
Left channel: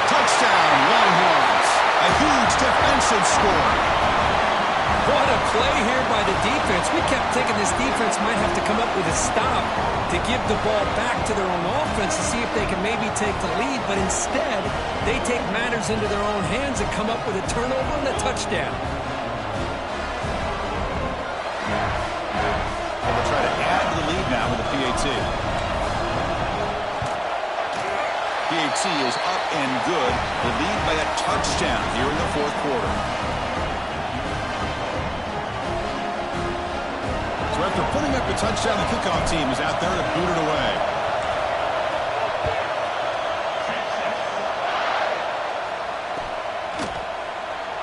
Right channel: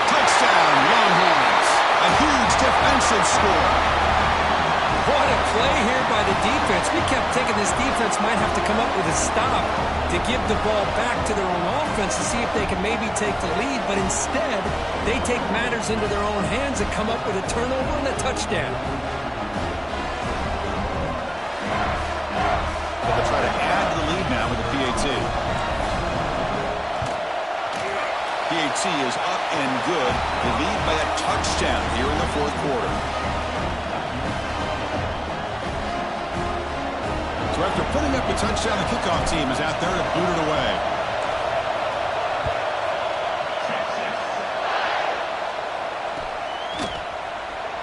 Touchdown, Longhorns. A huge defensive score. What a play here by the defense. We kept thinking this defense might have to come up with a stop to give the ball back to their own offense to see if they can maybe take the lead. But instead, they take matters into their own hands and come up with a turnover and a touchdown. They'll try to add to the lead now with the PAT. PAT is up and good. They lead by a touchdown here in the fourth quarter. So after putting up a touchdown, the kickoff team is out there to boot it away.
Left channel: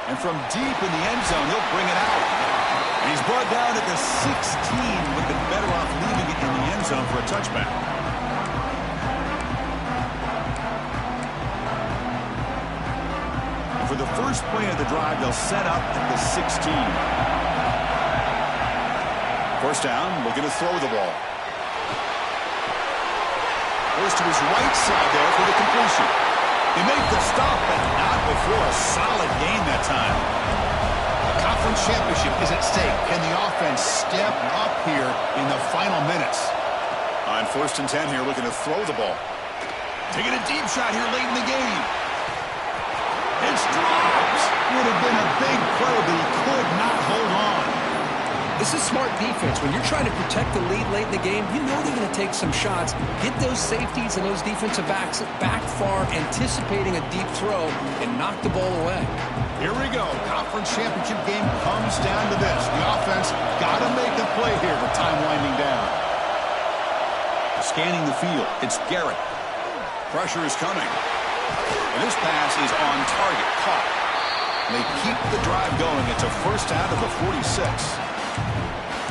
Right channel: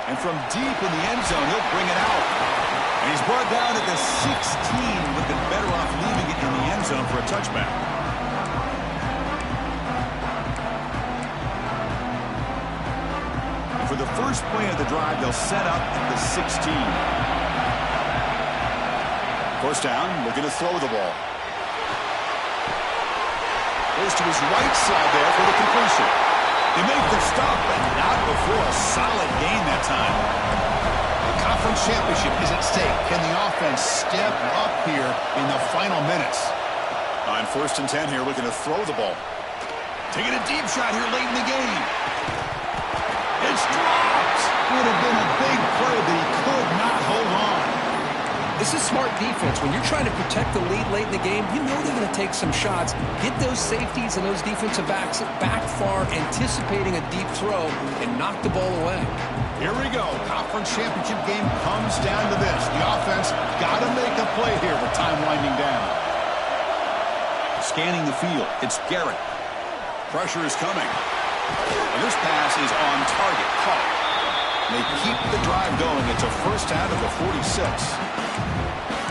And from deep in the end zone, he'll bring it out. And he's brought down at the 16. Would have been better off leaving it in the end zone for a touchback. And for the first play of the drive, they'll set up at the 16. First down, looking to throw the ball. Goes to his right side there for the completion. They make the stop, but not before a solid gain that time. The conference championship is at stake. Can the offense step up here in the final minutes? On first and 10 here, looking to throw the ball. Taking a deep shot here late in the game. It's dropped. Would have been a big play, but he could not hold on. This is smart defense. When you're trying to protect the lead late in the game, you know they're going to take some shots, get those safeties and those defensive backs back far, anticipating a deep throw, and knock the ball away. Here we go. Conference championship game comes down to this. The offense got to make a play here with time winding down. Scanning the field. It's Garrett. Pressure is coming. And this pass is on target. Caught. They keep the drive going. It's a first out of the 46.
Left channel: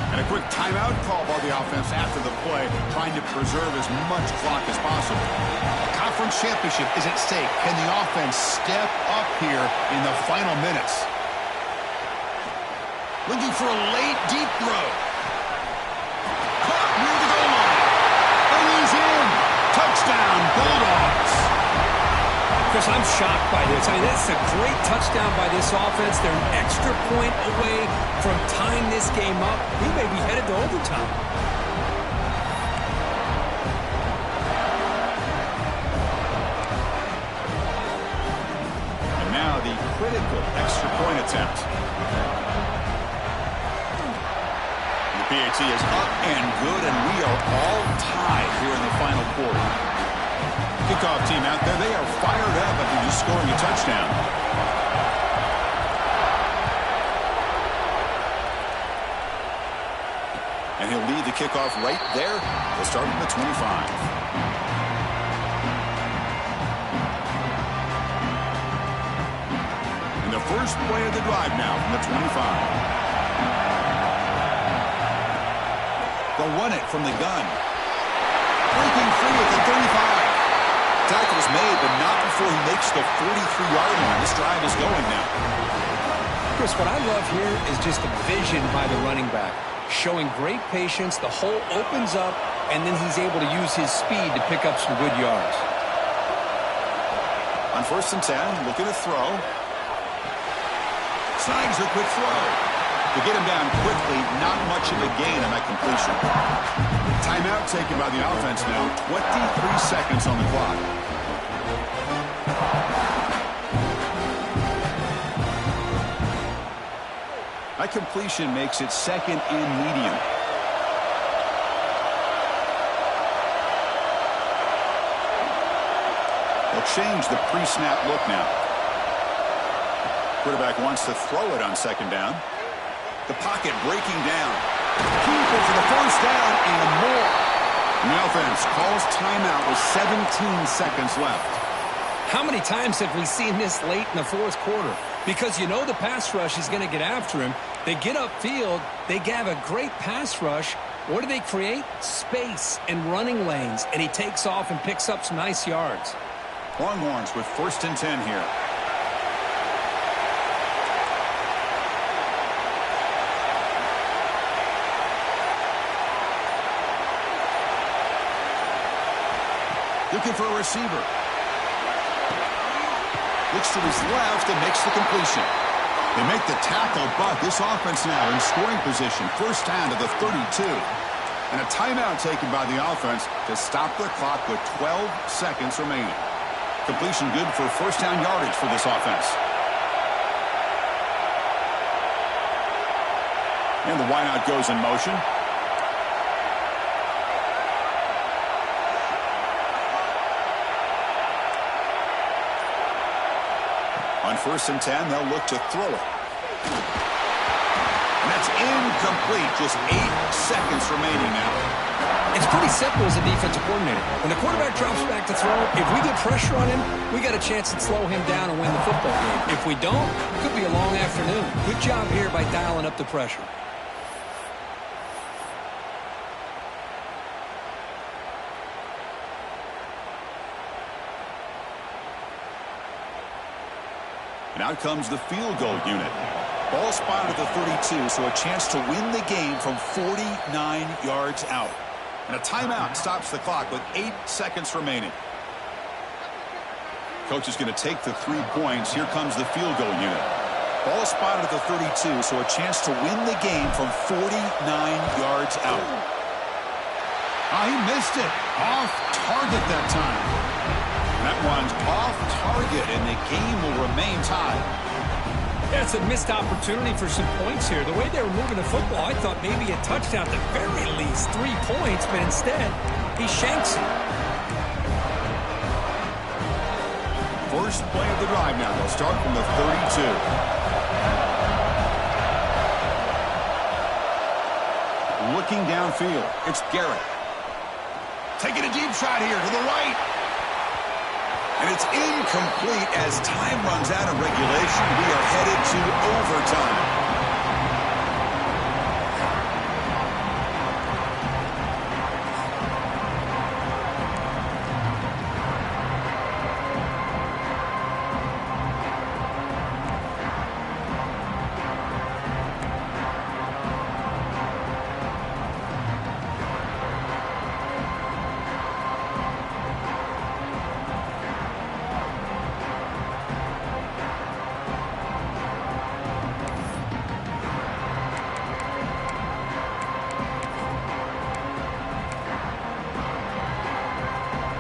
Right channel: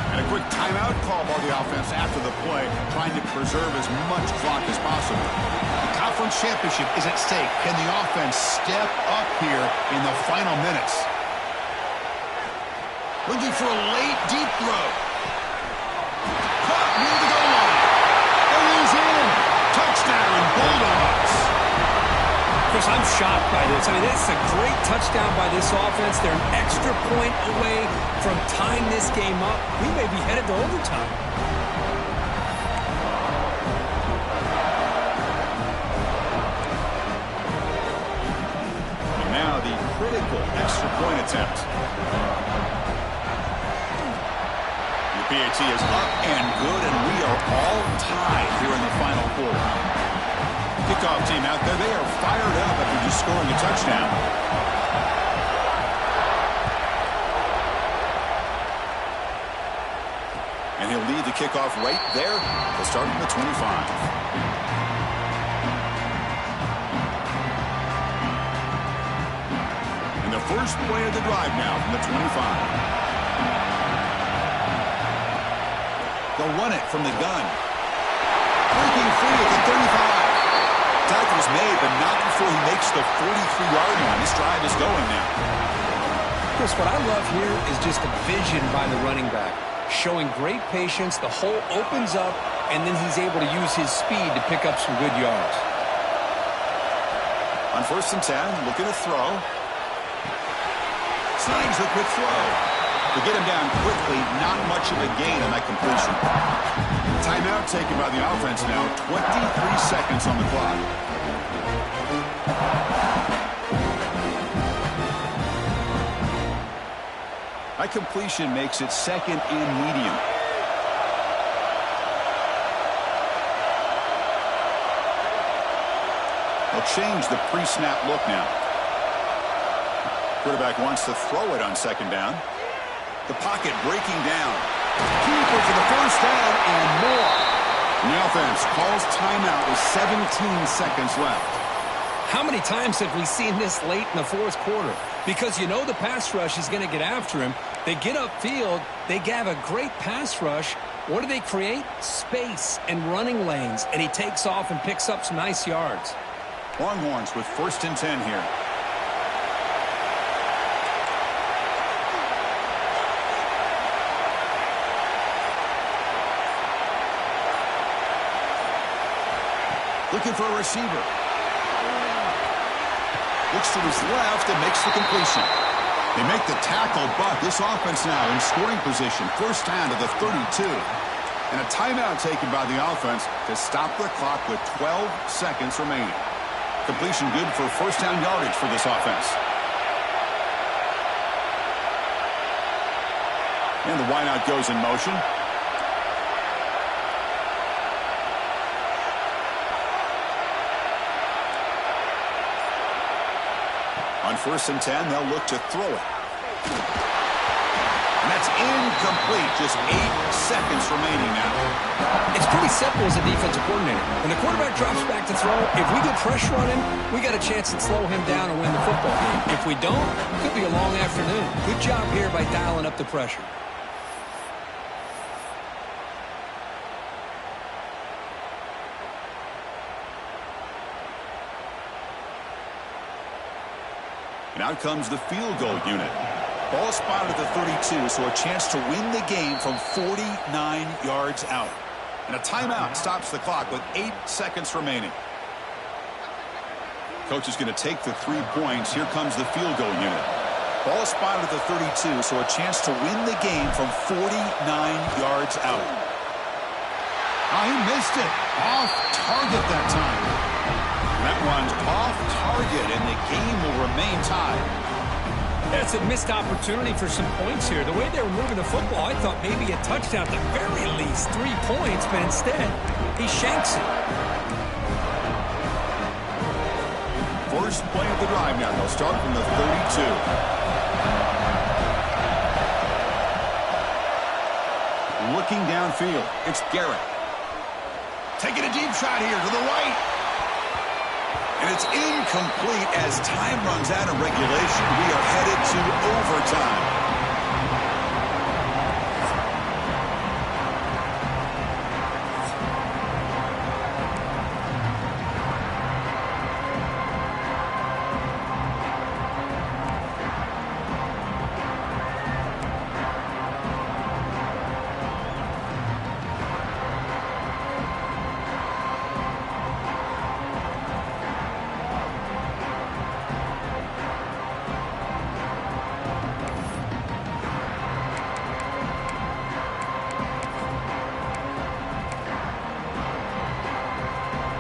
And a quick timeout call by the offense after the play, trying to preserve as much clock as possible. The conference championship is at stake. Can the offense step up here in the final minutes? Looking for a late, deep throw. Caught near the goal line. And he's in. Touchdown, Bulldogs. Chris, I'm shocked by this. I mean, that's a great touchdown by this offense. They're an extra point away from tying this game up. We may be headed to overtime. And now the critical extra point attempt. The PAT is up and good, and we are all tied here in the final quarter. Kickoff team out there, they are fired up after just scoring a touchdown. And he'll lead the kickoff right there. They'll start from the 25. And the first play of the drive now from the 25. They'll run it from the gun. Breaking free at the 35. Tackle's made, but not before he makes the 43-yard line. This drive is going now. Chris, what I love here is just the vision by the running back. Showing great patience, the hole opens up, and then he's able to use his speed to pick up some good yards. On first and 10, looking to throw. Snags a quick throw. To get him down quickly, not much of a gain on that completion. Timeout taken by the offense now. 23 seconds on the clock. That completion makes it second and medium. They'll change the pre-snap look now. Quarterback wants to throw it on second down. The pocket breaking down. Keeper for the first down and more. And the offense calls timeout with 17 seconds left. How many times have we seen this late in the fourth quarter? Because you know the pass rush is going to get after him. They get upfield. They have a great pass rush. What do they create? Space and running lanes. And he takes off and picks up some nice yards. Longhorns with first and 10 here. Looking for a receiver. Looks to his left and makes the completion. They make the tackle, but this offense now in scoring position. First down to the 32. And a timeout taken by the offense to stop the clock with 12 seconds remaining. Completion good for first down yardage for this offense. And the wideout goes in motion. On 1st and 10, they'll look to throw it. And that's incomplete. Just 8 seconds remaining now. It's pretty simple as a defensive coordinator. When the quarterback drops back to throw, if we get pressure on him, we got a chance to slow him down and win the football game. If we don't, it could be a long afternoon. Good job here by dialing up the pressure. And out comes the field goal unit. Ball spotted at the 32, so a chance to win the game from 49 yards out. And a timeout stops the clock with 8 seconds remaining. Coach is going to take the 3 points. Here comes the field goal unit. Ball spotted at the 32, so a chance to win the game from 49 yards out. Oh, he missed it. Off target that time. That one's off target, and the game will remain tied. That's a missed opportunity for some points here. The way they were moving the football, I thought maybe a touchdown at the very least, 3 points, but instead, he shanks it. First play of the drive now. They'll start from the 32. Looking downfield, it's Garrett. Taking a deep shot here to the right. And it's incomplete as time runs out of regulation. We are headed to overtime.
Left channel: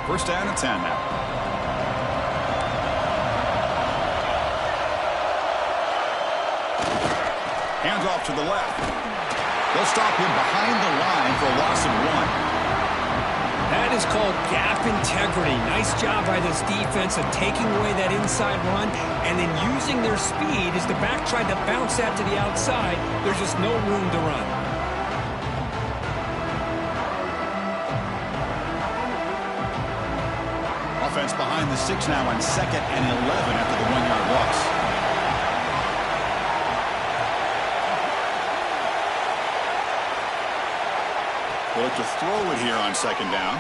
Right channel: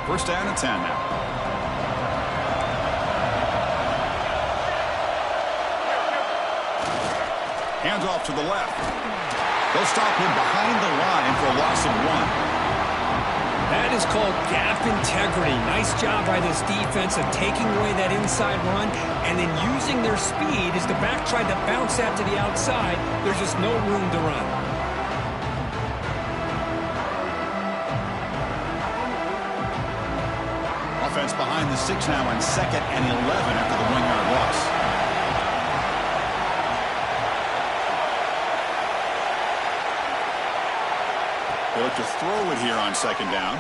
First down and 10 now. Hands off to the left. They'll stop him behind the line for a loss of 1. That is called gap integrity. Nice job by this defense of taking away that inside run and then using their speed as the back tried to bounce that to the outside. There's just no room to run. Offense behind the 6 now on 2nd and 11 after the 1-yard loss. They look to throw it here on 2nd down.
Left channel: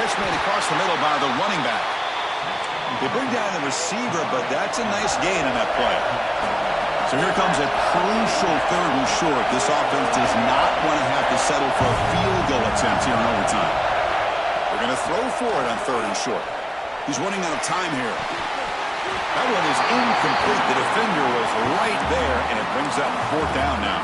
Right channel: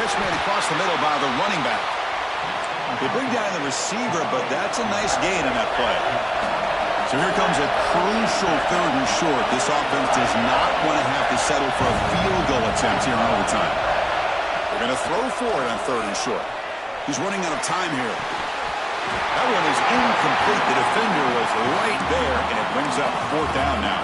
Catch made across the middle by the running back. They bring down the receiver, but that's a nice gain on that play. So here comes a crucial 3rd and short. This offense does not want to have to settle for a field goal attempt here in overtime. We're going to throw for it on 3rd and short. He's running out of time here. That one is incomplete. The defender was right there, and it brings up 4th down now.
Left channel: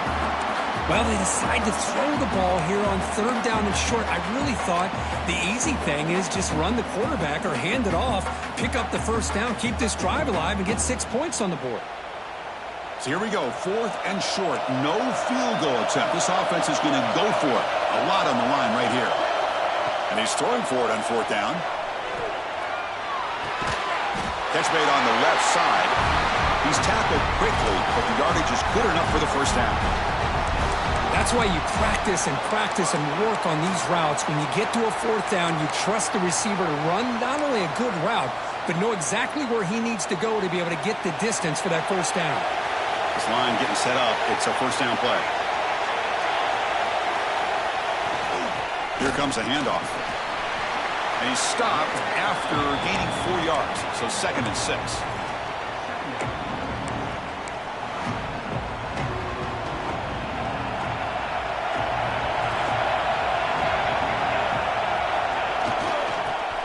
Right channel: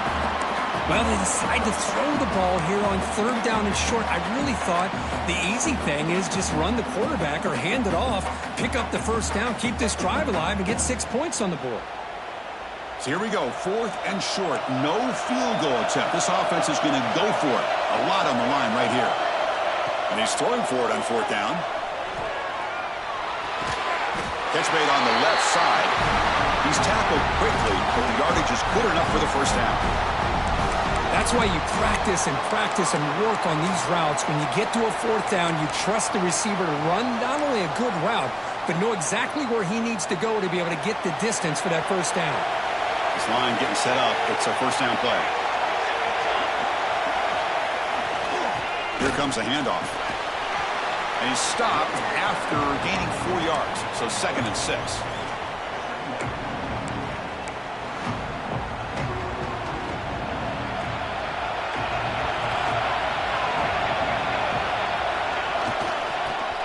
Well, they decide to throw the ball here on 3rd down and short. I really thought the easy thing is just run the quarterback or hand it off, pick up the 1st down, keep this drive alive, and get 6 points on the board. So here we go, 4th and short. No field goal attempt. This offense is going to go for it. A lot on the line right here. And he's throwing for it on 4th down. Catch made on the left side. He's tackled quickly, but the yardage is good enough for the 1st down. That's why you practice and work on these routes. When you get to a 4th down, you trust the receiver to run not only a good route, but know exactly where he needs to go to be able to get the distance for that 1st down. This line getting set up. It's a 1st down play. Here comes a handoff. And he's stopped after gaining 4 yards. So 2nd and 6.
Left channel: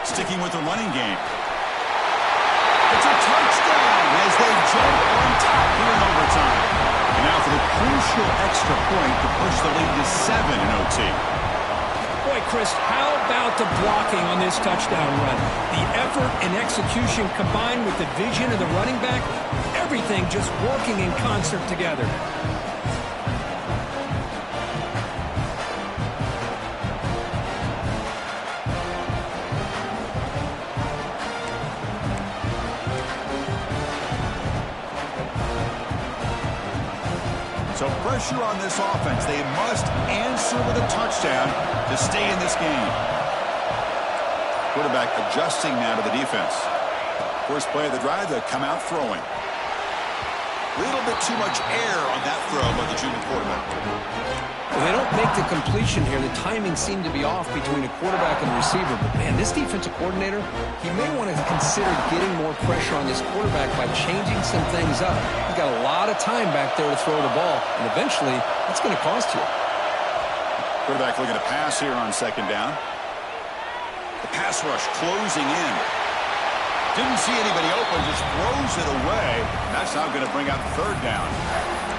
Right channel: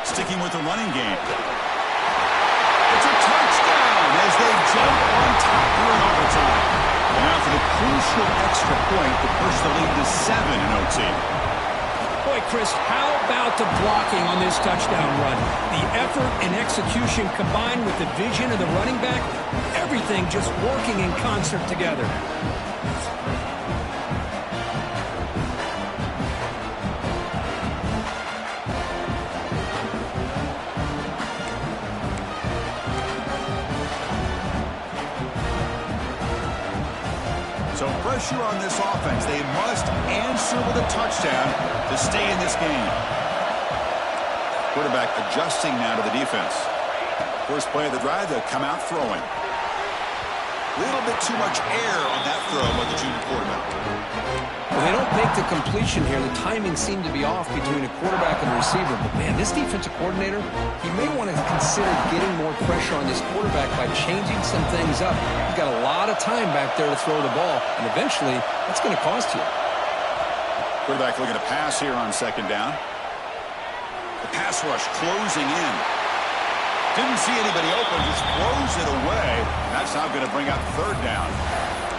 Sticking with the running game. It's a touchdown as they jump on top here in overtime. And now for the crucial extra point to push the lead to 7 in OT. Boy, Chris, how about the blocking on this touchdown run? The effort and execution combined with the vision of the running back, everything just working in concert together. So pressure on this offense. They must answer with a touchdown to stay in this game. Quarterback adjusting now to the defense. First play of the drive, they come out throwing. A little bit too much air on that throw by the junior quarterback. Well, they don't make the completion here. The timing seemed to be off between a quarterback and the receiver. But, man, this defensive coordinator, he may want to consider getting more pressure on this quarterback by changing some things up. He's got a lot of time back there to throw the ball, and eventually that's going to cost you. Quarterback looking to pass here on second down. The pass rush closing in. Didn't see anybody open, just throws it away. That's now going to bring out third down.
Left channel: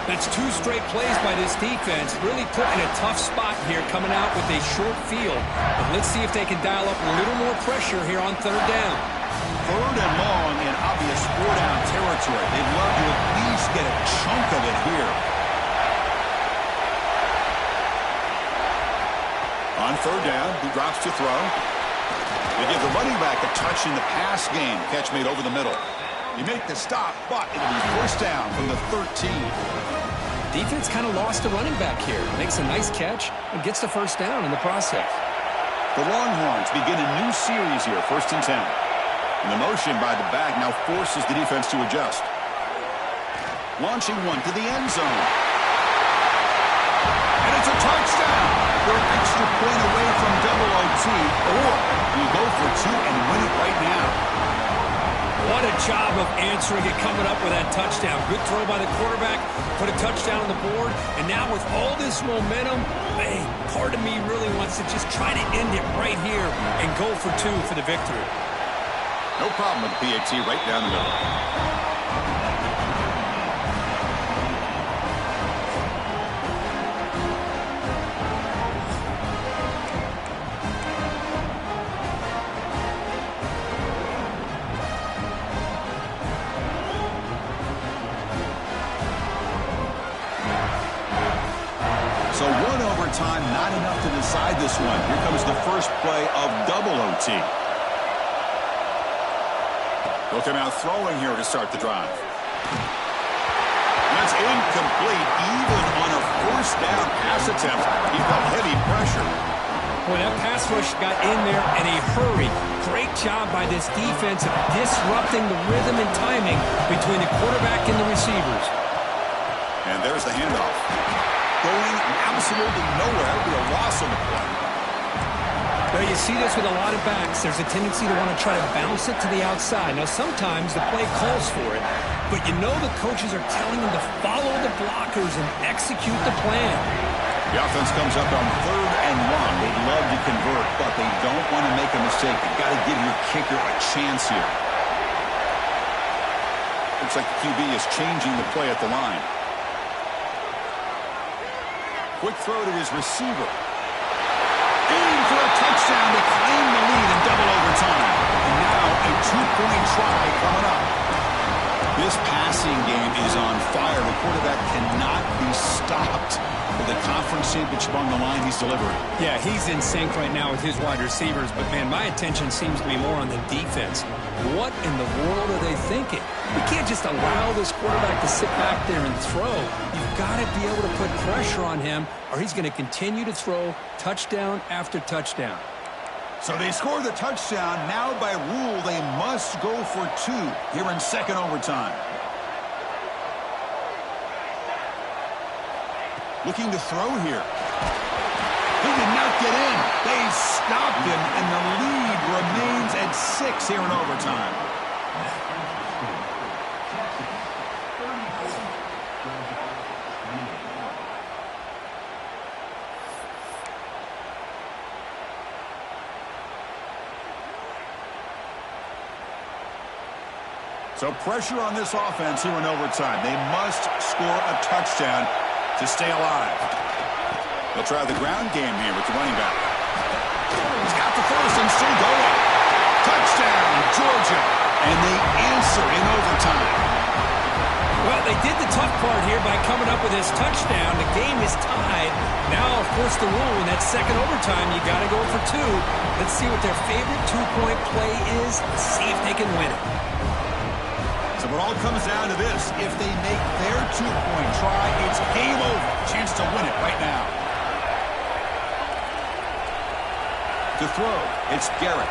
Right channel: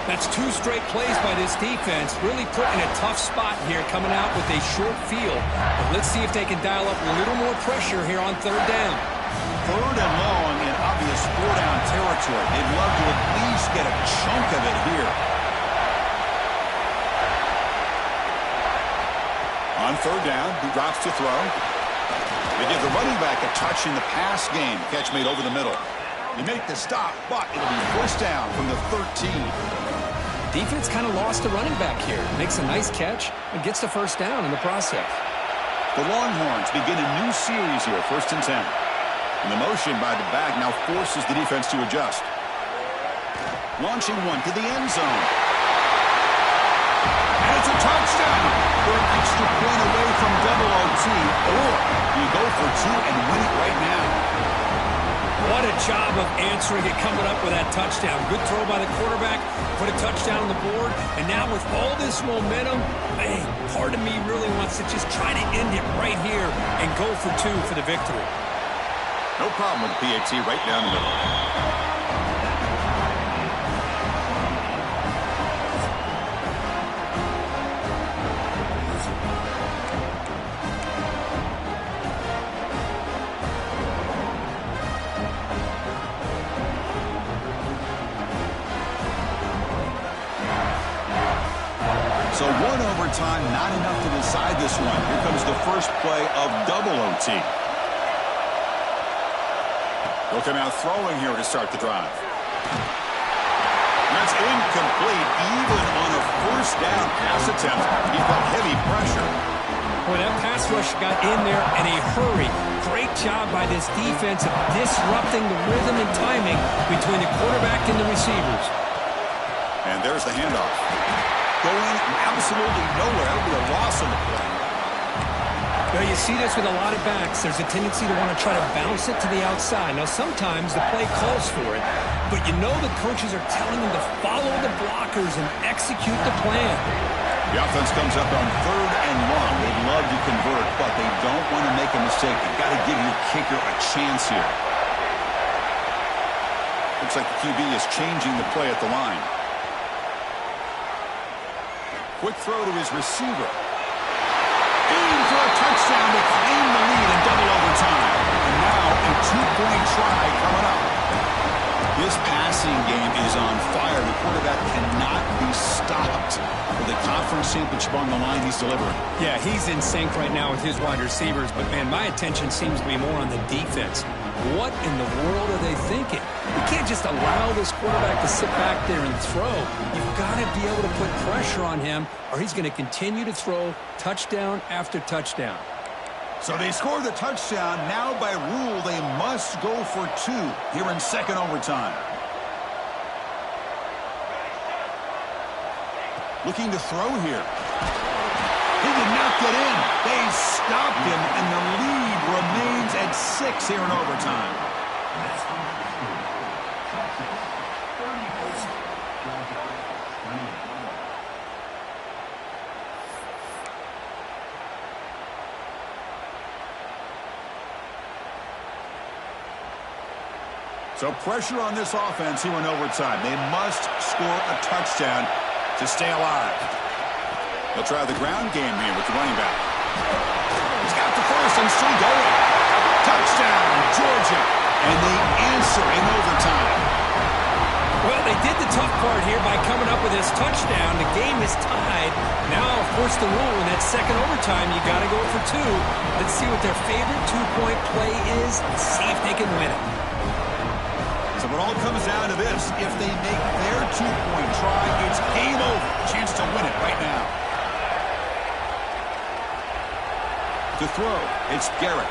That's 2 straight plays by this defense, really put in a tough spot here coming out with a short field. But let's see if they can dial up a little more pressure here on third down. Third and long in obvious 4-down territory. They'd love to at least get a chunk of it here. On third down, he drops to throw. They give the running back a touch in the pass game. Catch made over the middle. They make the stop, but it'll be first down from the 13. Defense kind of lost the running back here. Makes a nice catch and gets the first down in the process. The Longhorns begin a new series here, 1st and 10. And the motion by the back now forces the defense to adjust. Launching one to the end zone. And it's a touchdown. They're an extra point away from double OT, or you go for 2 and win it right now. What a job of answering it, coming up with that touchdown. Good throw by the quarterback, put a touchdown on the board, and now with all this momentum, man, part of me really wants to just try to end it right here and go for 2 for the victory. No problem with the PAT right down the middle. So 1 overtime, not enough to decide this one. Here comes the first play of double OT. They'll come out throwing here to start the drive. That's incomplete, even on a first down pass attempt. He felt heavy pressure. Boy, that pass rush got in there in a hurry. Great job by this defense of disrupting the rhythm and timing between the quarterback and the receivers. And there's the handoff. Going absolutely nowhere. That'll be a loss on the play. Now, you see this with a lot of backs. There's a tendency to want to try to bounce it to the outside. Now, sometimes the play calls for it, but you know the coaches are telling them to follow the blockers and execute the plan. The offense comes up on 3rd and long. They'd love to convert, but they don't want to make a mistake. You've got to give your kicker a chance here. Looks like the QB is changing the play at the line. Quick throw to his receiver. In for a touchdown to claim the lead in double overtime. And now a 2-point try coming up. This passing game is on fire. The quarterback cannot be stopped. With the conference championship on the line, he's delivering. Yeah, he's in sync right now with his wide receivers. But, man, my attention seems to be more on the defense. What in the world are they thinking? We can't just allow this quarterback to sit back there and throw. You've got to be able to put pressure on him, or he's going to continue to throw touchdown after touchdown. So they score the touchdown. Now, by rule, they must go for 2 here in second overtime. Looking to throw here. He did not get in. They stopped him, and the lead remains at 6 here in overtime. So pressure on this offense here in overtime. They must score a touchdown to stay alive. They'll try the ground game here with the running back. He's got the first and still going. Touchdown, Georgia. And they answer in overtime. Well, they did the tough part here by coming up with this touchdown. The game is tied. Now, of course, the rule in that second overtime, you got to go for two. Let's see what their favorite two-point play is and see if they can win it. So it all comes down to this. If they make their two-point try, it's game over. Chance to win it right now. To throw, it's Garrett.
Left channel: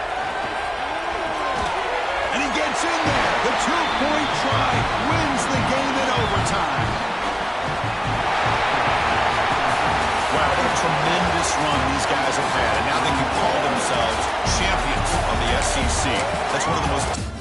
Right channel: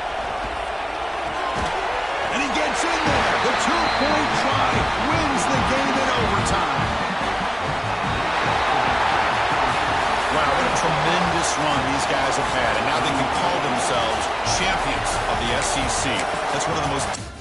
And he gets in there. The two-point try wins the game in overtime. Wow, what a tremendous run these guys have had. And now they can call themselves champions of the SEC. That's one of the most...